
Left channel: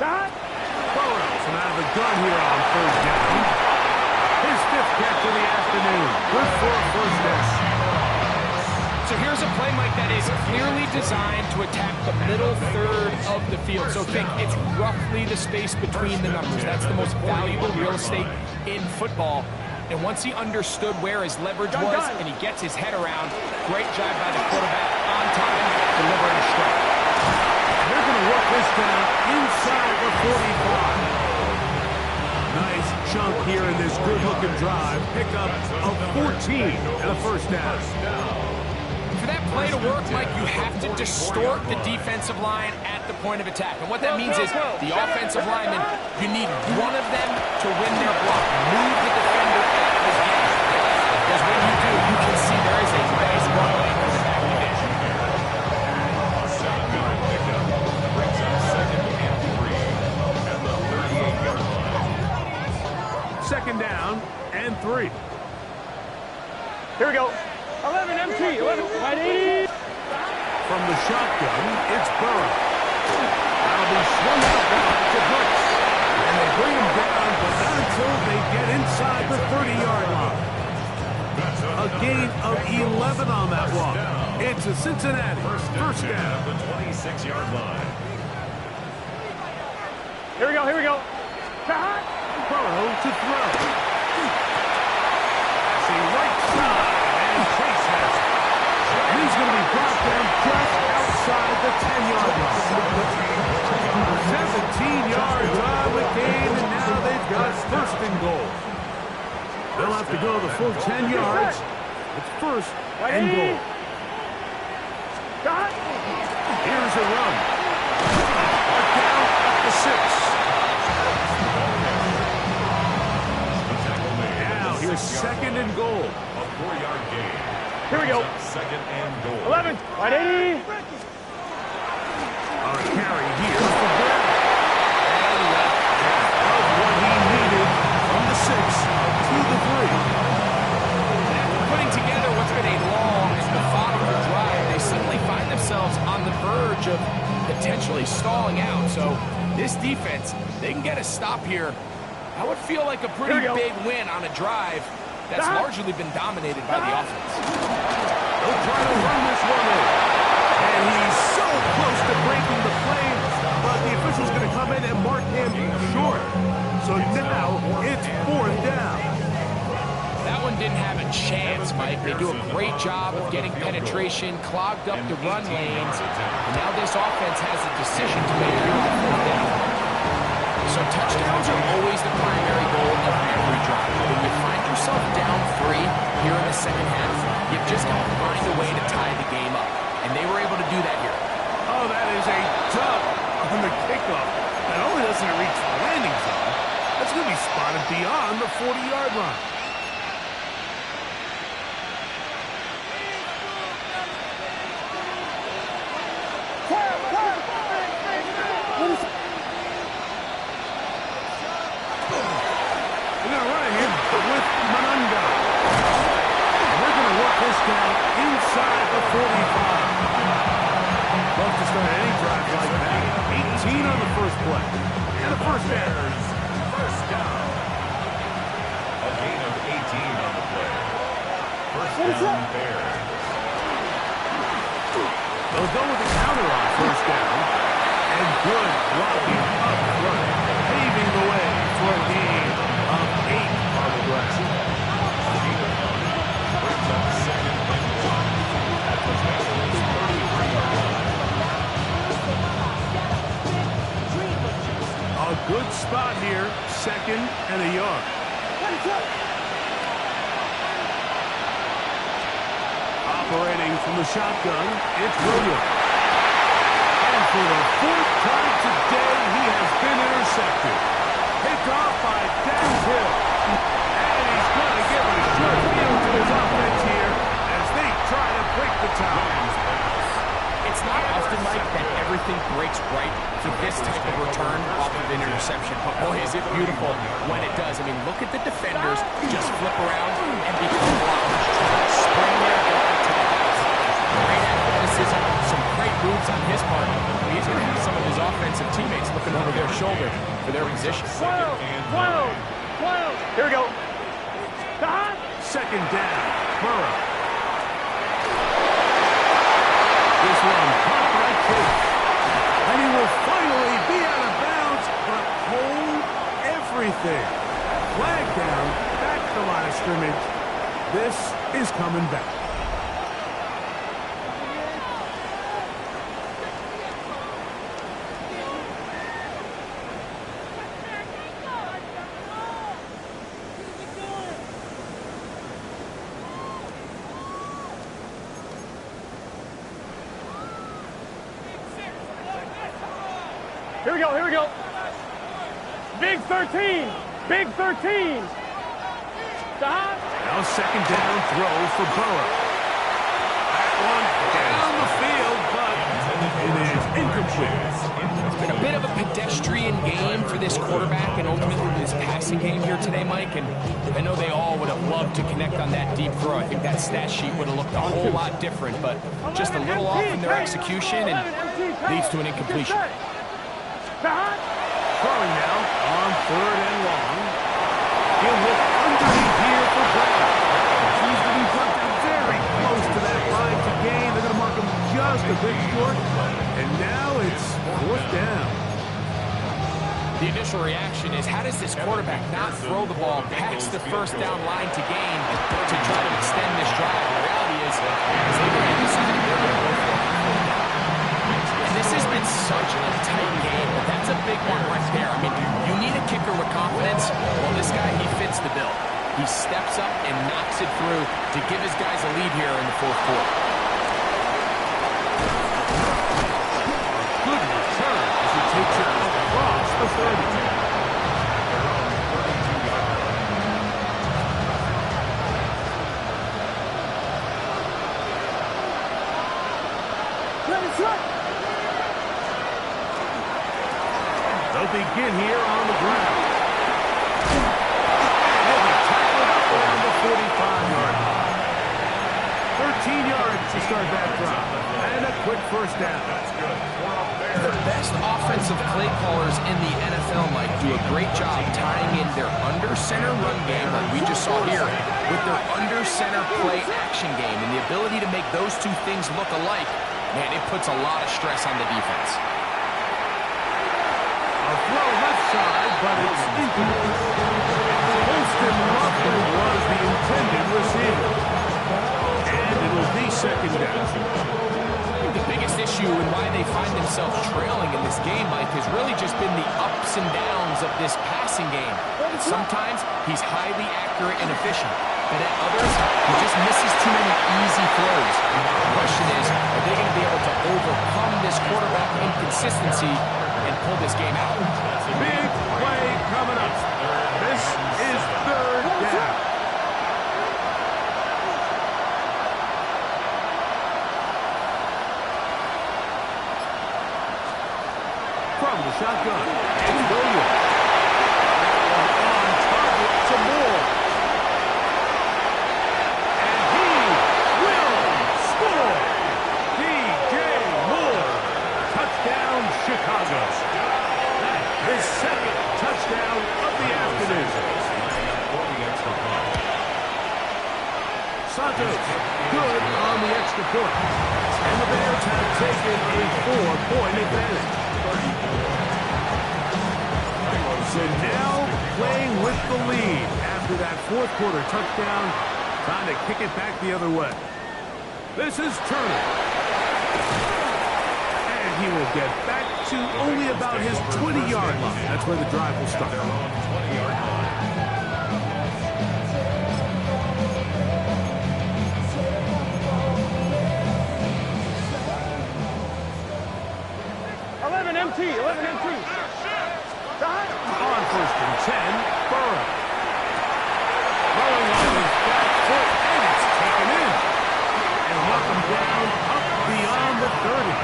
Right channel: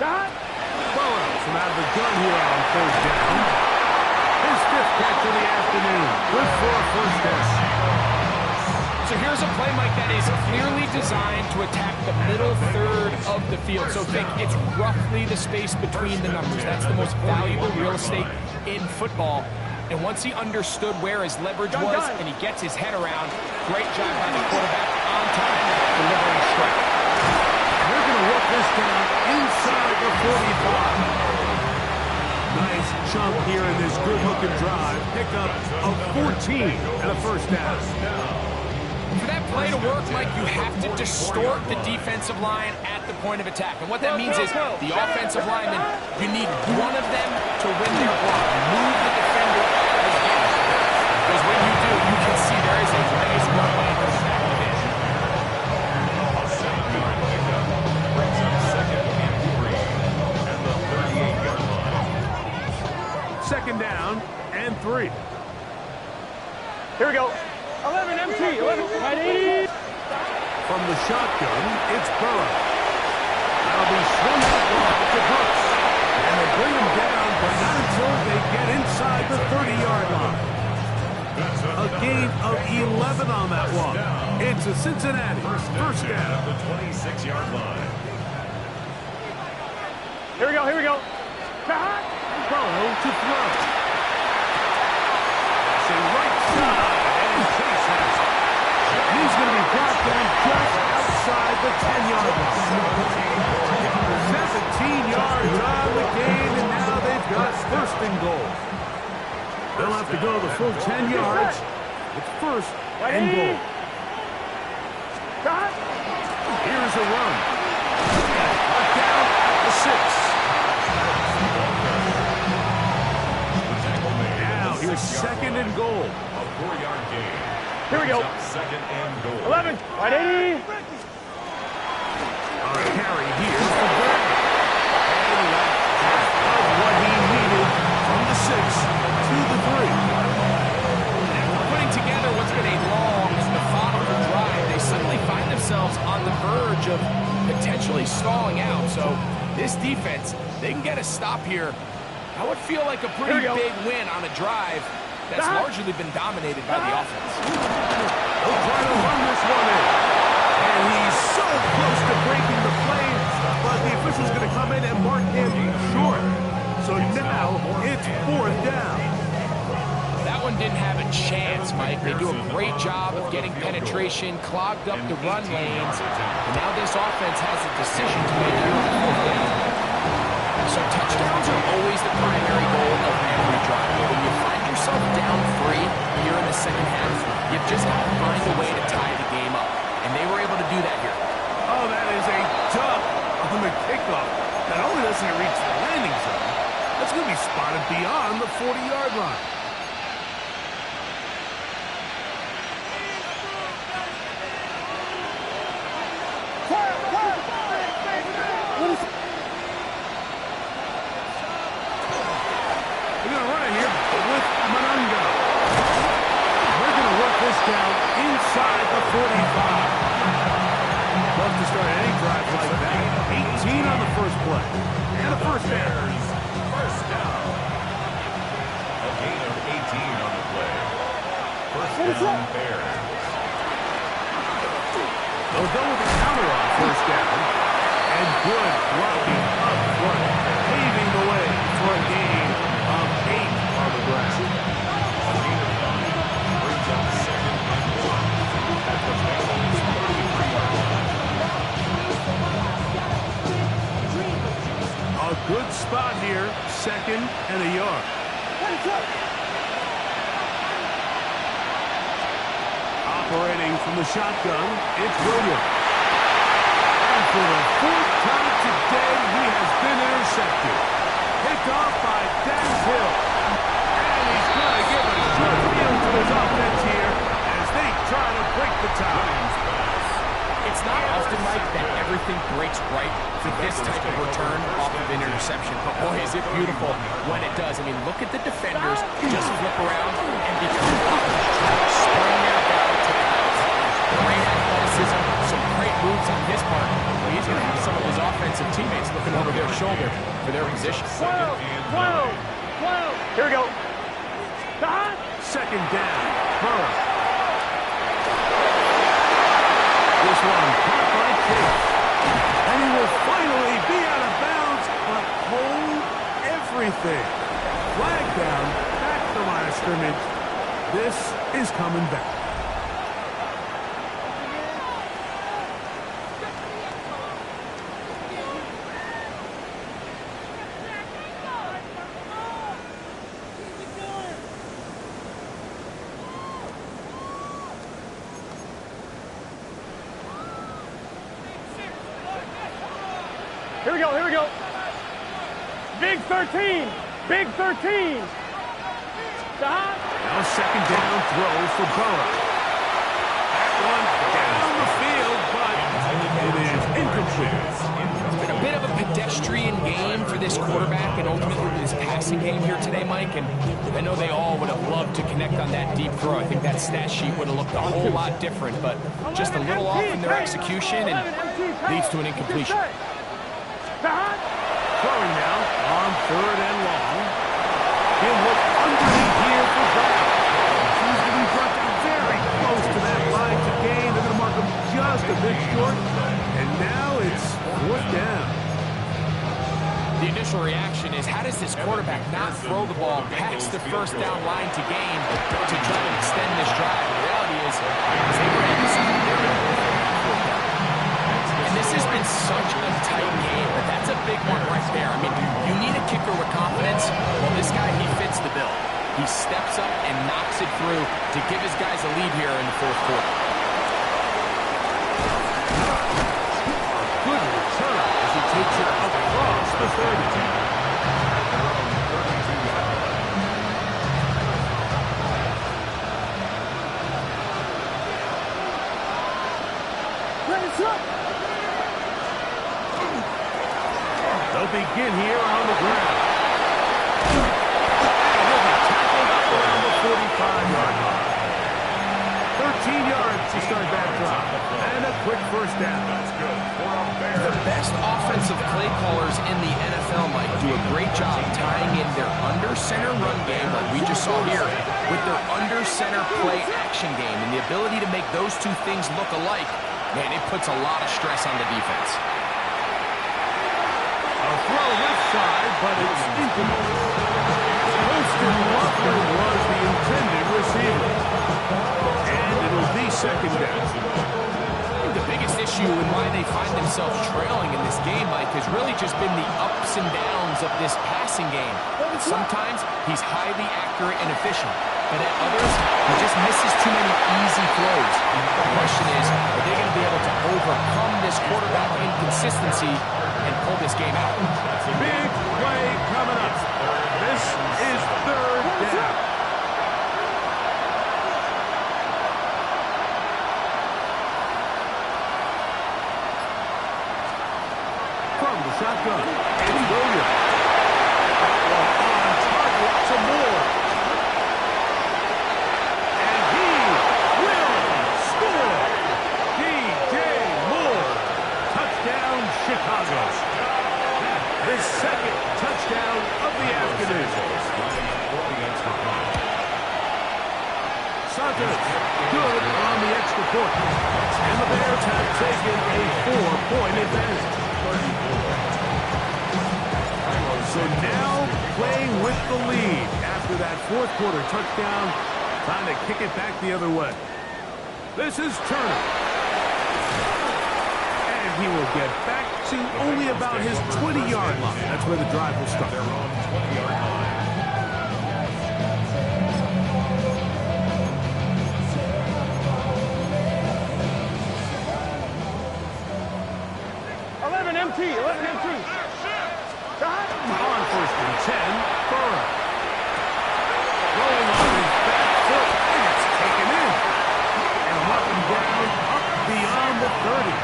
Burrow from out of the gun here on 3rd down. His 5th catch of the afternoon. Good for a 1st down. So here's a play, Mike, that is clearly designed to attack the middle 3rd of the field. So think it's roughly the space between the numbers. That's the most valuable real estate in football. And once he understood where his leverage was and he gets his head around, great job by the quarterback on time, delivering a strike. They're going to work this down inside the 45. Nice chunk here in this good-looking drive. Pick up of 14 and a 1st down. For that play to work, Mike, you have to distort the defensive line at the point of attack. And what that means is the offensive linemen, you need one of them to win their block. Move the defender out of his game. Because when you do, you can see there is a nice runway for the back of the bench. A 7-yard pickup brings up 2nd and 3 at the 38-yard line. 2nd down and 3. Here we go. 11 MT. 11. Right 80. From the shotgun, it's Burrow. That'll be swung out wide to Brooks. And they bring him down, but not until they get inside the 30-yard line. A gain of 11 on that one. It's a Cincinnati 1st down at the 26-yard line. Here we go. Burrow to throw. Passing right side, and Chase has it. And he's going to be brought down just outside the 10-yard line. 17 yards on the game, and now they've got 1st and goal. They'll have to go the full 10 yards. It's 1st and goal. Here's a run. Marked down at the 6. Now here's 2nd and goal. A 4-yard gain. Here we go. 2nd and goal. 11. Right 80. A carry here for Brown. And he got half of what he needed from the 6 to the 3. And after putting together what's been a long and methodical drive, they suddenly find themselves on the verge of potentially stalling out. So this defense, they can get a stop here. I would feel like a pretty big win on a drive that's largely been dominated by the offense. They'll try to run this one in. And he's so close to breaking the play, but the official's going to come in and mark him short. So now it's 4th down. That one didn't have a chance, Mike. They do a great job of getting penetration, clogged up the run lanes, and now this offense has a decision to make here on 4th down. So touchdowns are always the primary goal of every drive. But when you find yourself down 3 here in the second half, you've just got to find a way to tie the game up. And they were able to do that here. Oh, that is a dunk on the kickoff. Not only doesn't it reach the landing zone, that's going to be spotted beyond the 40-yard line. They're going to run it here with Manunga. They're going to work this down inside the 45. Love to start any drive like that. 18 on the first play. And a first down. First down. A gain of 18 on the play. First down, Bears. They'll go with the counter on first down. And good blocking up front, paving the way for a gain of 8 on the ground. A gain of 9 brings up 2nd and 1 at the Bengals' 33-yard line. A good spot here, 2nd and a yard. Operating from the shotgun, it's Williams. And for the 4th time today, he has been intercepted. Picked off by Dax Hill. And he's going to give a short field to his offense here as they try to break the tie. It's not often, Mike, that everything breaks right for this type of return off of an interception. But boy, is it beautiful when it does. I mean, look at the defenders just flip around and become blockers, trying to spring their guy to the house. Great athleticism, some great moves on his part. Well, he's going to have some of his offensive teammates looking over their shoulder for their position. 12. Here we go. 2nd down, Burrow. This one caught by Chase. And he will finally be out of bounds, but hold everything. Flag down, back to the line of scrimmage. This is coming back. Here we go. Big 13. Big 13. Now 2nd down throw for Burrow. That one down the field, but it is incomplete. It's been a bit of a pedestrian game for this quarterback and ultimately this passing game here today, Mike. And I know they all would have loved to connect on that deep throw. I think that stat sheet would have looked a whole lot different, but just a little off in their execution and leads to an incompletion. Throwing now on 3rd and long. He'll look underneath here for Brown. He's going to be brought down very close to that line to gain. They're going to mark him just a bit short. And now it's 4th down. The initial reaction is, how does this quarterback not throw the ball past the 1st down line to gain to try to extend this drive? The reality is they've already decided they're going to go for it on 4th down. And this has been such a tight game, but that's a big one right there. I mean, you need a kicker with confidence. Well, this guy, he fits the bill. He steps up and knocks it through to give his guys a lead here in the 4th quarter. A good return as he takes it across the 30. At their own 32-yard line. They'll begin here on the ground. And he'll be tackled up around the 45-yard line. 13 yards to start that drive. And a quick first down. That's good. The best offensive play callers in the NFL, Mike, do a great job tying in their under-center run game, like we just saw here, with their under-center play action game. And the ability to make those two things look alike, man, it puts a lot of stress on the defense. A throw left side, but it's incomplete. Holston Loveland was the intended receiver. And it'll be second down. The biggest issue and why they find themselves trailing in this game, Mike, has really just been the ups and downs of this passing game. And sometimes he's highly accurate and efficient, but at others, he just misses too many easy throws. The question is, are they going to be able to overcome this quarterback inconsistency and pull this game out? Big play coming up. This is third down. From the shotgun, it's Williams. That one on target to Moore. And he will score. DJ Moore. Touchdown, Chicago. His second touchdown of the afternoon. Santos, good on the extra point. And the Bears have taken a 4-point advantage. So now playing with the lead after that fourth quarter touchdown, trying to kick it back the other way. This is Turner. And he will get back to only about his 20-yard line. That's where the drive will start. Their own 20-yard line. 11 MT, 11 MT. On first and 10, Burrow. Throwing on his back foot, and it's taken in. And welcome down up beyond the 30.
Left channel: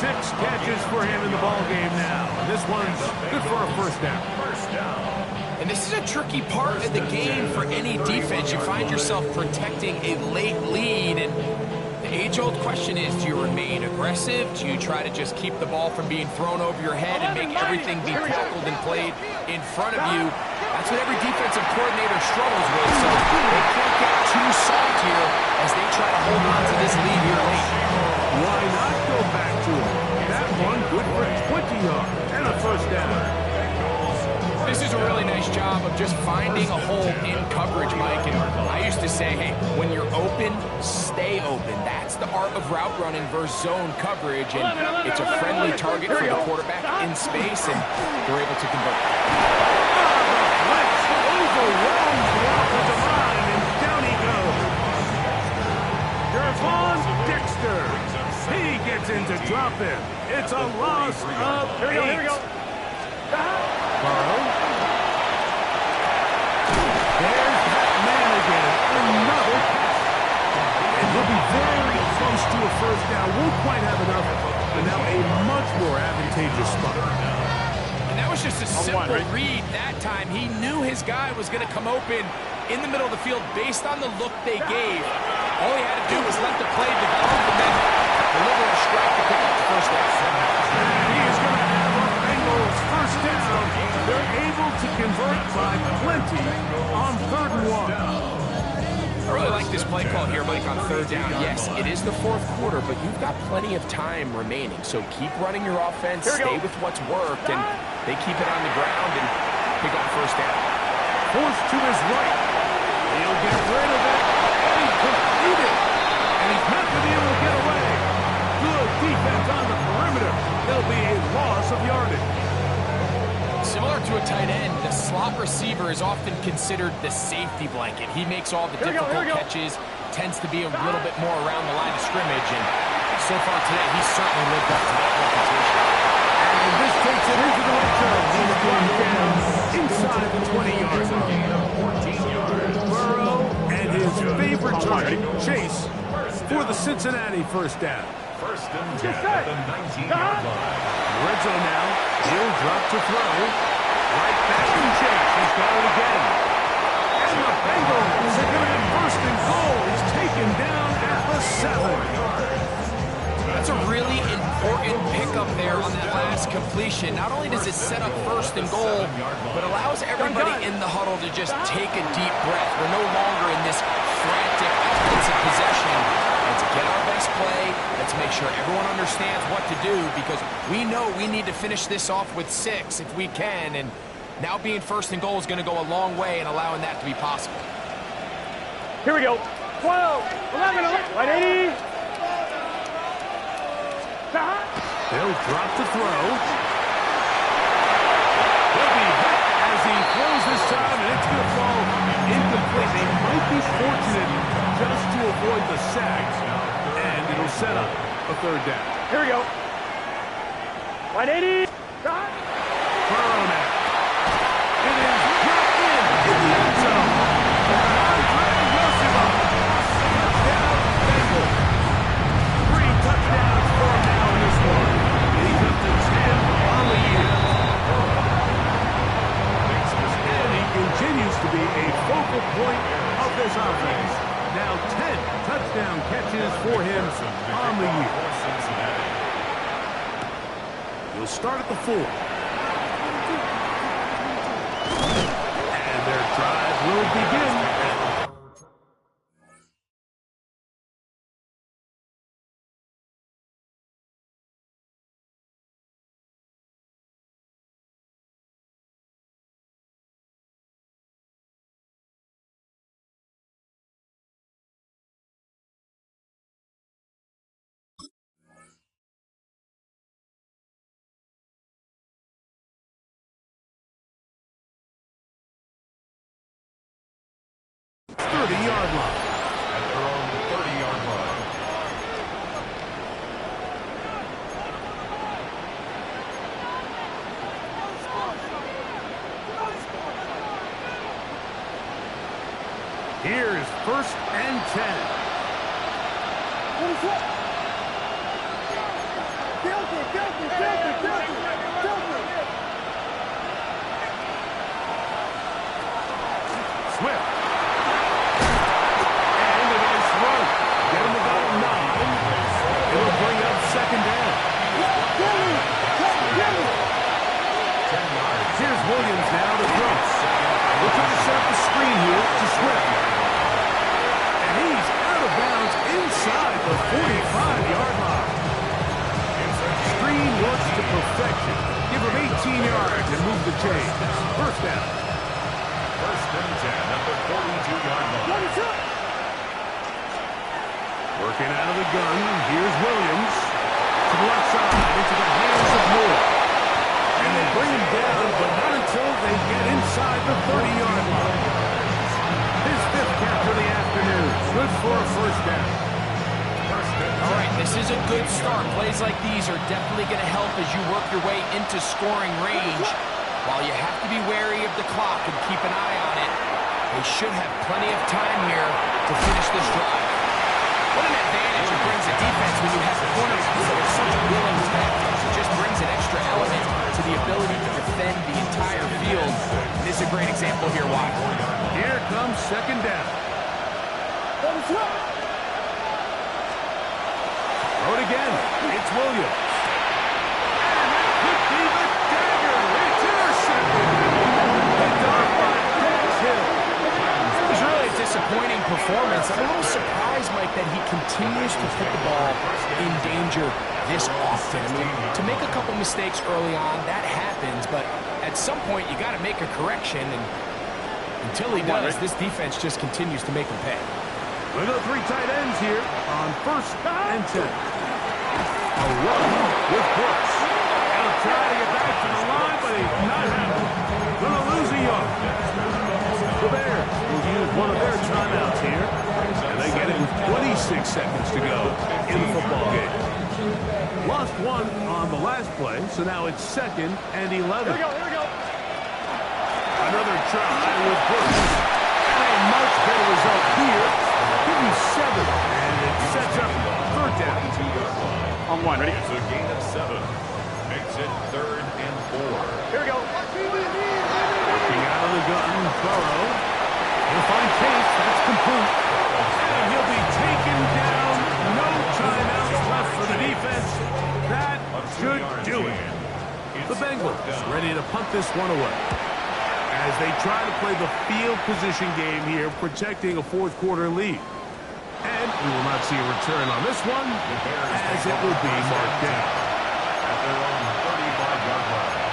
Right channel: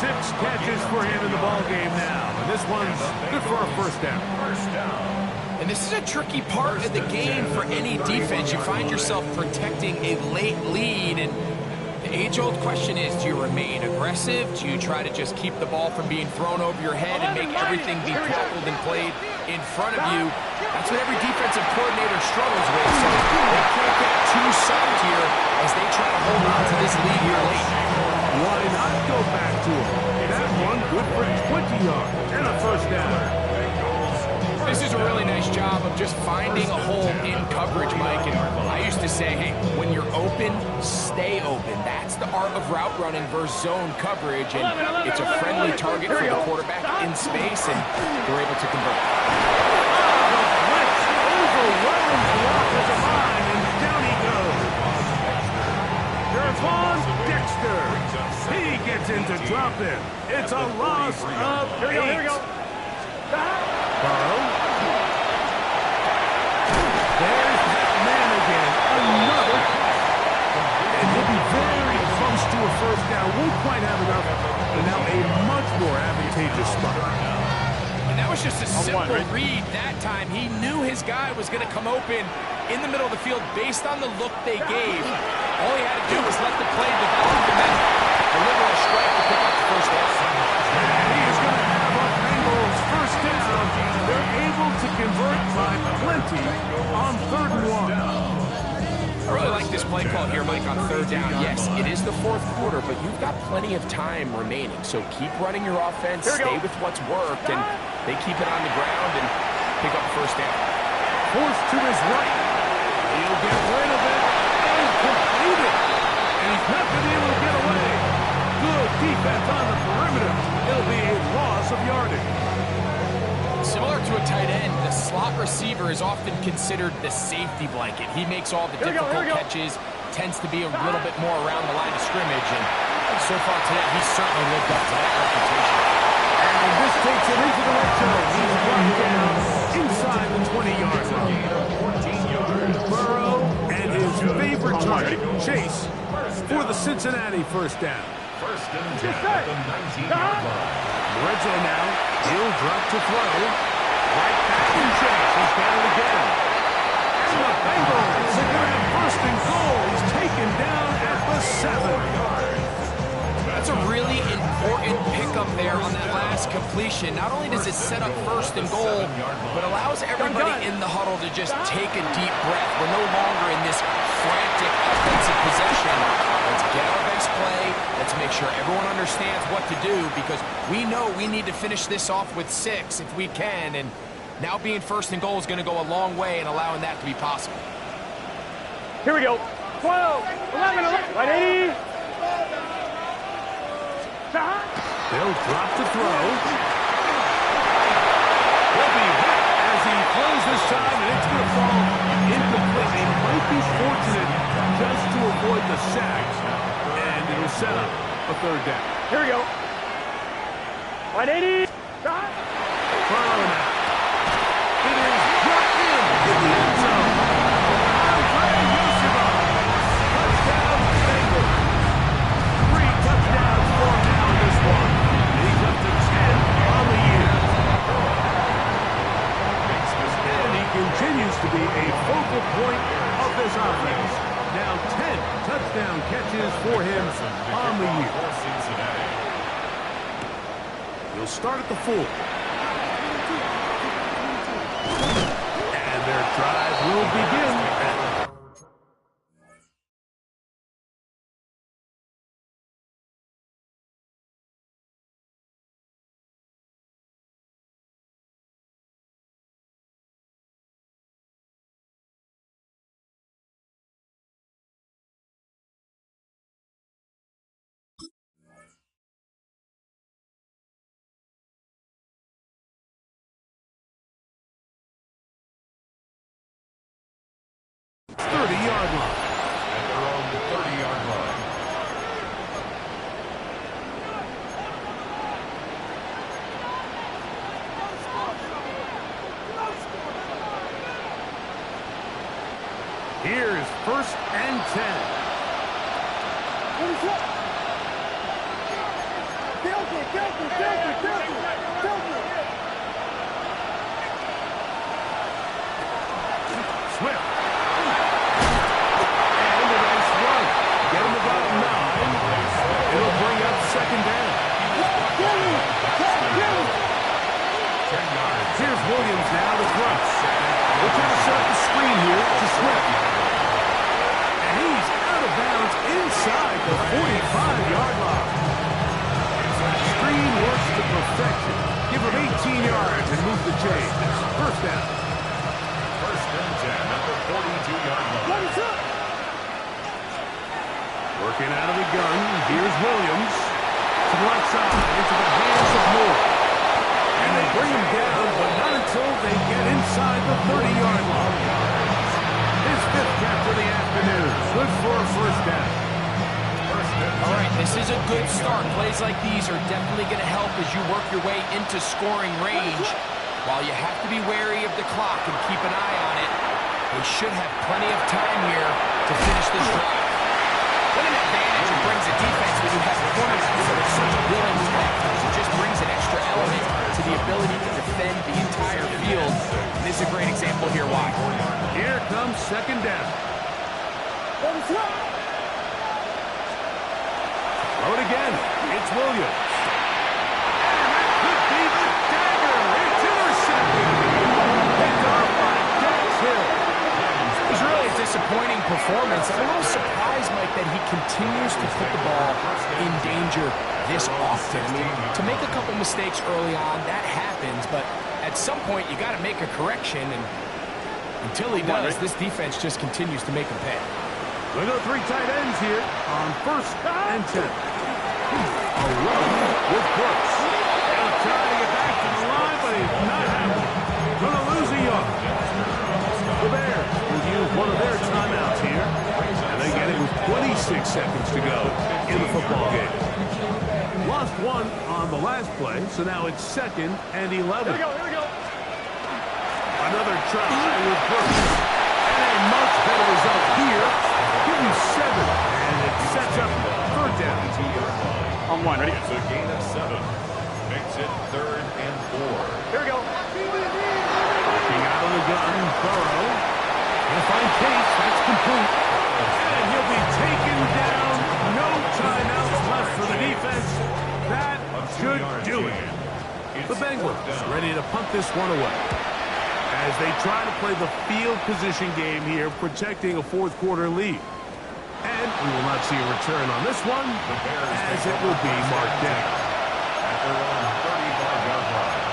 6 catches for him in the ball game now. And this one's good for a first down. First down. And this is a tricky part of the game for any defense. You find yourself protecting a late lead, and the age-old question is, do you remain aggressive? Do you try to just keep the ball from being thrown over your head and make everything be tackled and played in front of you? That's what every defensive coordinator struggles with, so they can't get too soft here as they try to hold on to this lead here late. Why not go back to him? That one good for 20 yards and a first down. This is a really nice job of just finding a hole in coverage, Mike. And I used to say, hey, when you're open, stay open. That's the art of route running versus zone coverage. And it's a friendly target for the quarterback in space, and they're able to convert. The blitz overwhelms the offensive line, and down he goes. Gervon Dexter. He gets in to drop him. It's a loss of 8. Here we go. Burrow. There's that man again. Another catch. And he'll be very close to a first down. Won't quite have enough, but now a much more advantageous spot. And that was just a simple read that time. He knew his guy was going to come open in the middle of the field based on the look they gave. All he had to do was let the play develop and then deliver a strike to pick up the first down. And he is going to have a Bengals first down. They're able to convert by plenty on 3rd and 1. I really like this play call here, Mike, on 3rd down. Yes, it is the 4th quarter, but you've got plenty of time remaining. So keep running your offense, stay with what's worked, and they keep it on the ground and pick up first down. Forced to his right. He'll get rid of it and complete it. And he's not going to be able to get away. Good defense on the perimeter. It'll be a loss of yardage. Similar to a tight end, the slot receiver is often considered the safety blanket. He makes all the difficult catches, tends to be a little bit more around the line of scrimmage, and so far today, he's certainly lived up to that reputation. And this takes it into the red zone. He's brought down inside the 20-yard line. Burrow and his favorite target, Chase, for the Cincinnati first down. First and 10 at the 19-yard line. Red zone now. He'll drop to throw. Right back to Chase. He's got it again. And the Bengals are going to have first and goal. He's taken completion, not only does it set up first and goal, but allows everybody in the huddle to just take a deep breath. We're no longer in this frantic offensive possession. Let's get our best play. Let's make sure everyone understands what to do, because we know we need to finish this off with 6 if we can, and now being first and goal is going to go a long way in allowing that to be possible. Here we go. 12, 11, 11. Right, 80. They'll drop the throw. He'll be hit as he throws this time, and it's going to fall incomplete. They might be fortunate just to avoid the sack, and it'll set up a third down. Here we go. Right, 80. Burrow now. It is brought in the end zone. Touchdown, Bengals. 3 touchdowns for him now in this one. And he's up to 10 on the year. And he continues to be a focal point of this offense. Now 10 touchdown catches for him on the year. He'll start at the 4. And their drive will begin. Yard line. At their own 30-yard line. Here's 1st and 10. Swift. Get him about 9. It'll bring up 2nd down. 10 yards. Here's Williams now to throw. We'll try to set up the screen here to Swift. And he's out of bounds inside the 45-yard line. Screen works to perfection. Give him 18 yards and move the chains. 1st down. 1st and 10 at the 42-yard line. Working out of the gun, here's Williams. To the left side, into the hands of Moore. And they bring him down, but not until they get inside the 30-yard line. His 5th catch of the afternoon. Good for a 1st down. All right, this is a good start. Plays like these are definitely going to help as you work your way into scoring range. While you have to be wary of the clock and keep an eye on it, they should have plenty of time here to finish this drive. What an advantage it brings a defense when you have cornerbacks that are such willing tacklers. It just brings an extra element to the ability to defend the entire field. And this is a great example here why. Here comes 2nd down. Throw it again. It's Williams. And that could be the dagger. It's intercepted. Picked off by Dax Hill. It was really a disappointing performance. I'm a little surprised, Mike, that he continues to put the ball in danger this often. I mean, to make a couple mistakes early on, that happens, but at some point you got to make a correction, and until he does, this defense just continues to make him pay. Look at the 3 tight ends here on 1st and 10. A run with Brooks. He'll try to get back to the line, but he's not happening. Going to lose a yard. The Bears will use one of their timeouts here, and they get it with 26 seconds to go in the football game. Lost 1 on the last play, so now it's 2nd and 11. Here we go. Another try with Brooks. And a much better result here. Give him 7, and it sets up 3rd down. On 1, ready? It's a gain of 7. Makes it 3rd and 4. Here we go. Working out of the gun, Burrow. He'll find Case. That's complete. And he'll be taken down. No timeouts left for the defense. That should do it. The Bengals ready to punt this one away as they try to play the field position game here, protecting a fourth quarter lead. And we will not see a return on this one, as it will be marked down at their own 35-yard line.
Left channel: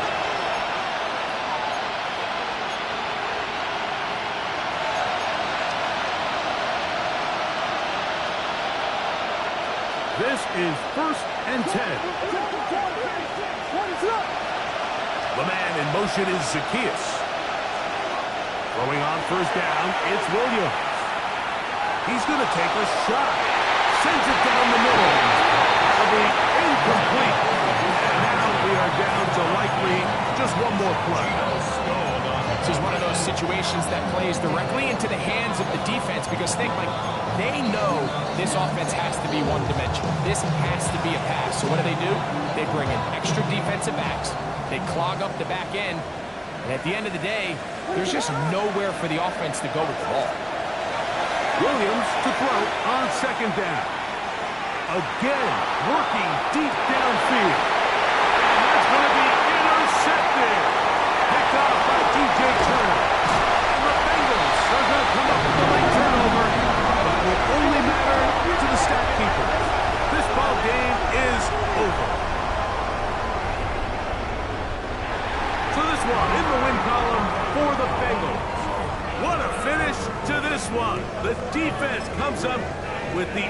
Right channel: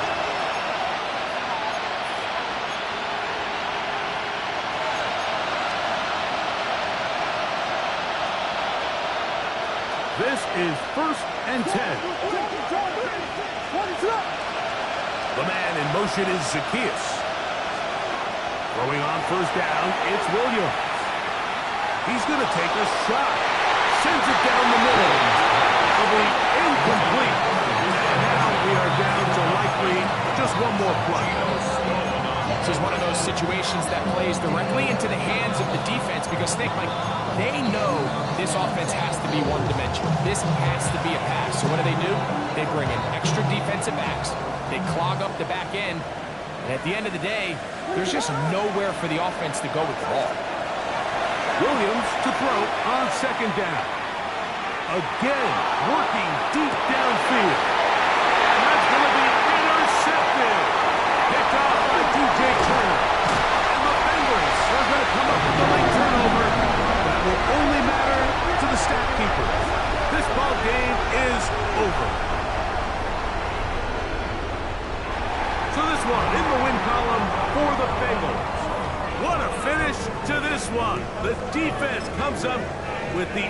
This is 1st and 10. The man in motion is Zacchaeus. Throwing on 1st down, it's Williams. He's going to take a shot. Sends it down the middle. That'll be incomplete. And now we are down to likely just one more play. This is one of those situations that plays directly into the hands of the defense because think, like, they know this offense has to be one-dimensional. This has to be a pass. So what do? They bring in extra defensive backs. They clog up the back end. And at the end of the day, there's just nowhere for the offense to go with the ball. Williams to throw on 2nd down. Again, working deep downfield. And that's going to be intercepted. Picked off by DJ Turner. And the Bengals are going to come up with the late turnover. That will only matter to the stat keeper. This ball game is over. So this one in the win column for the Bengals. What a finish to this one. The defense comes up with the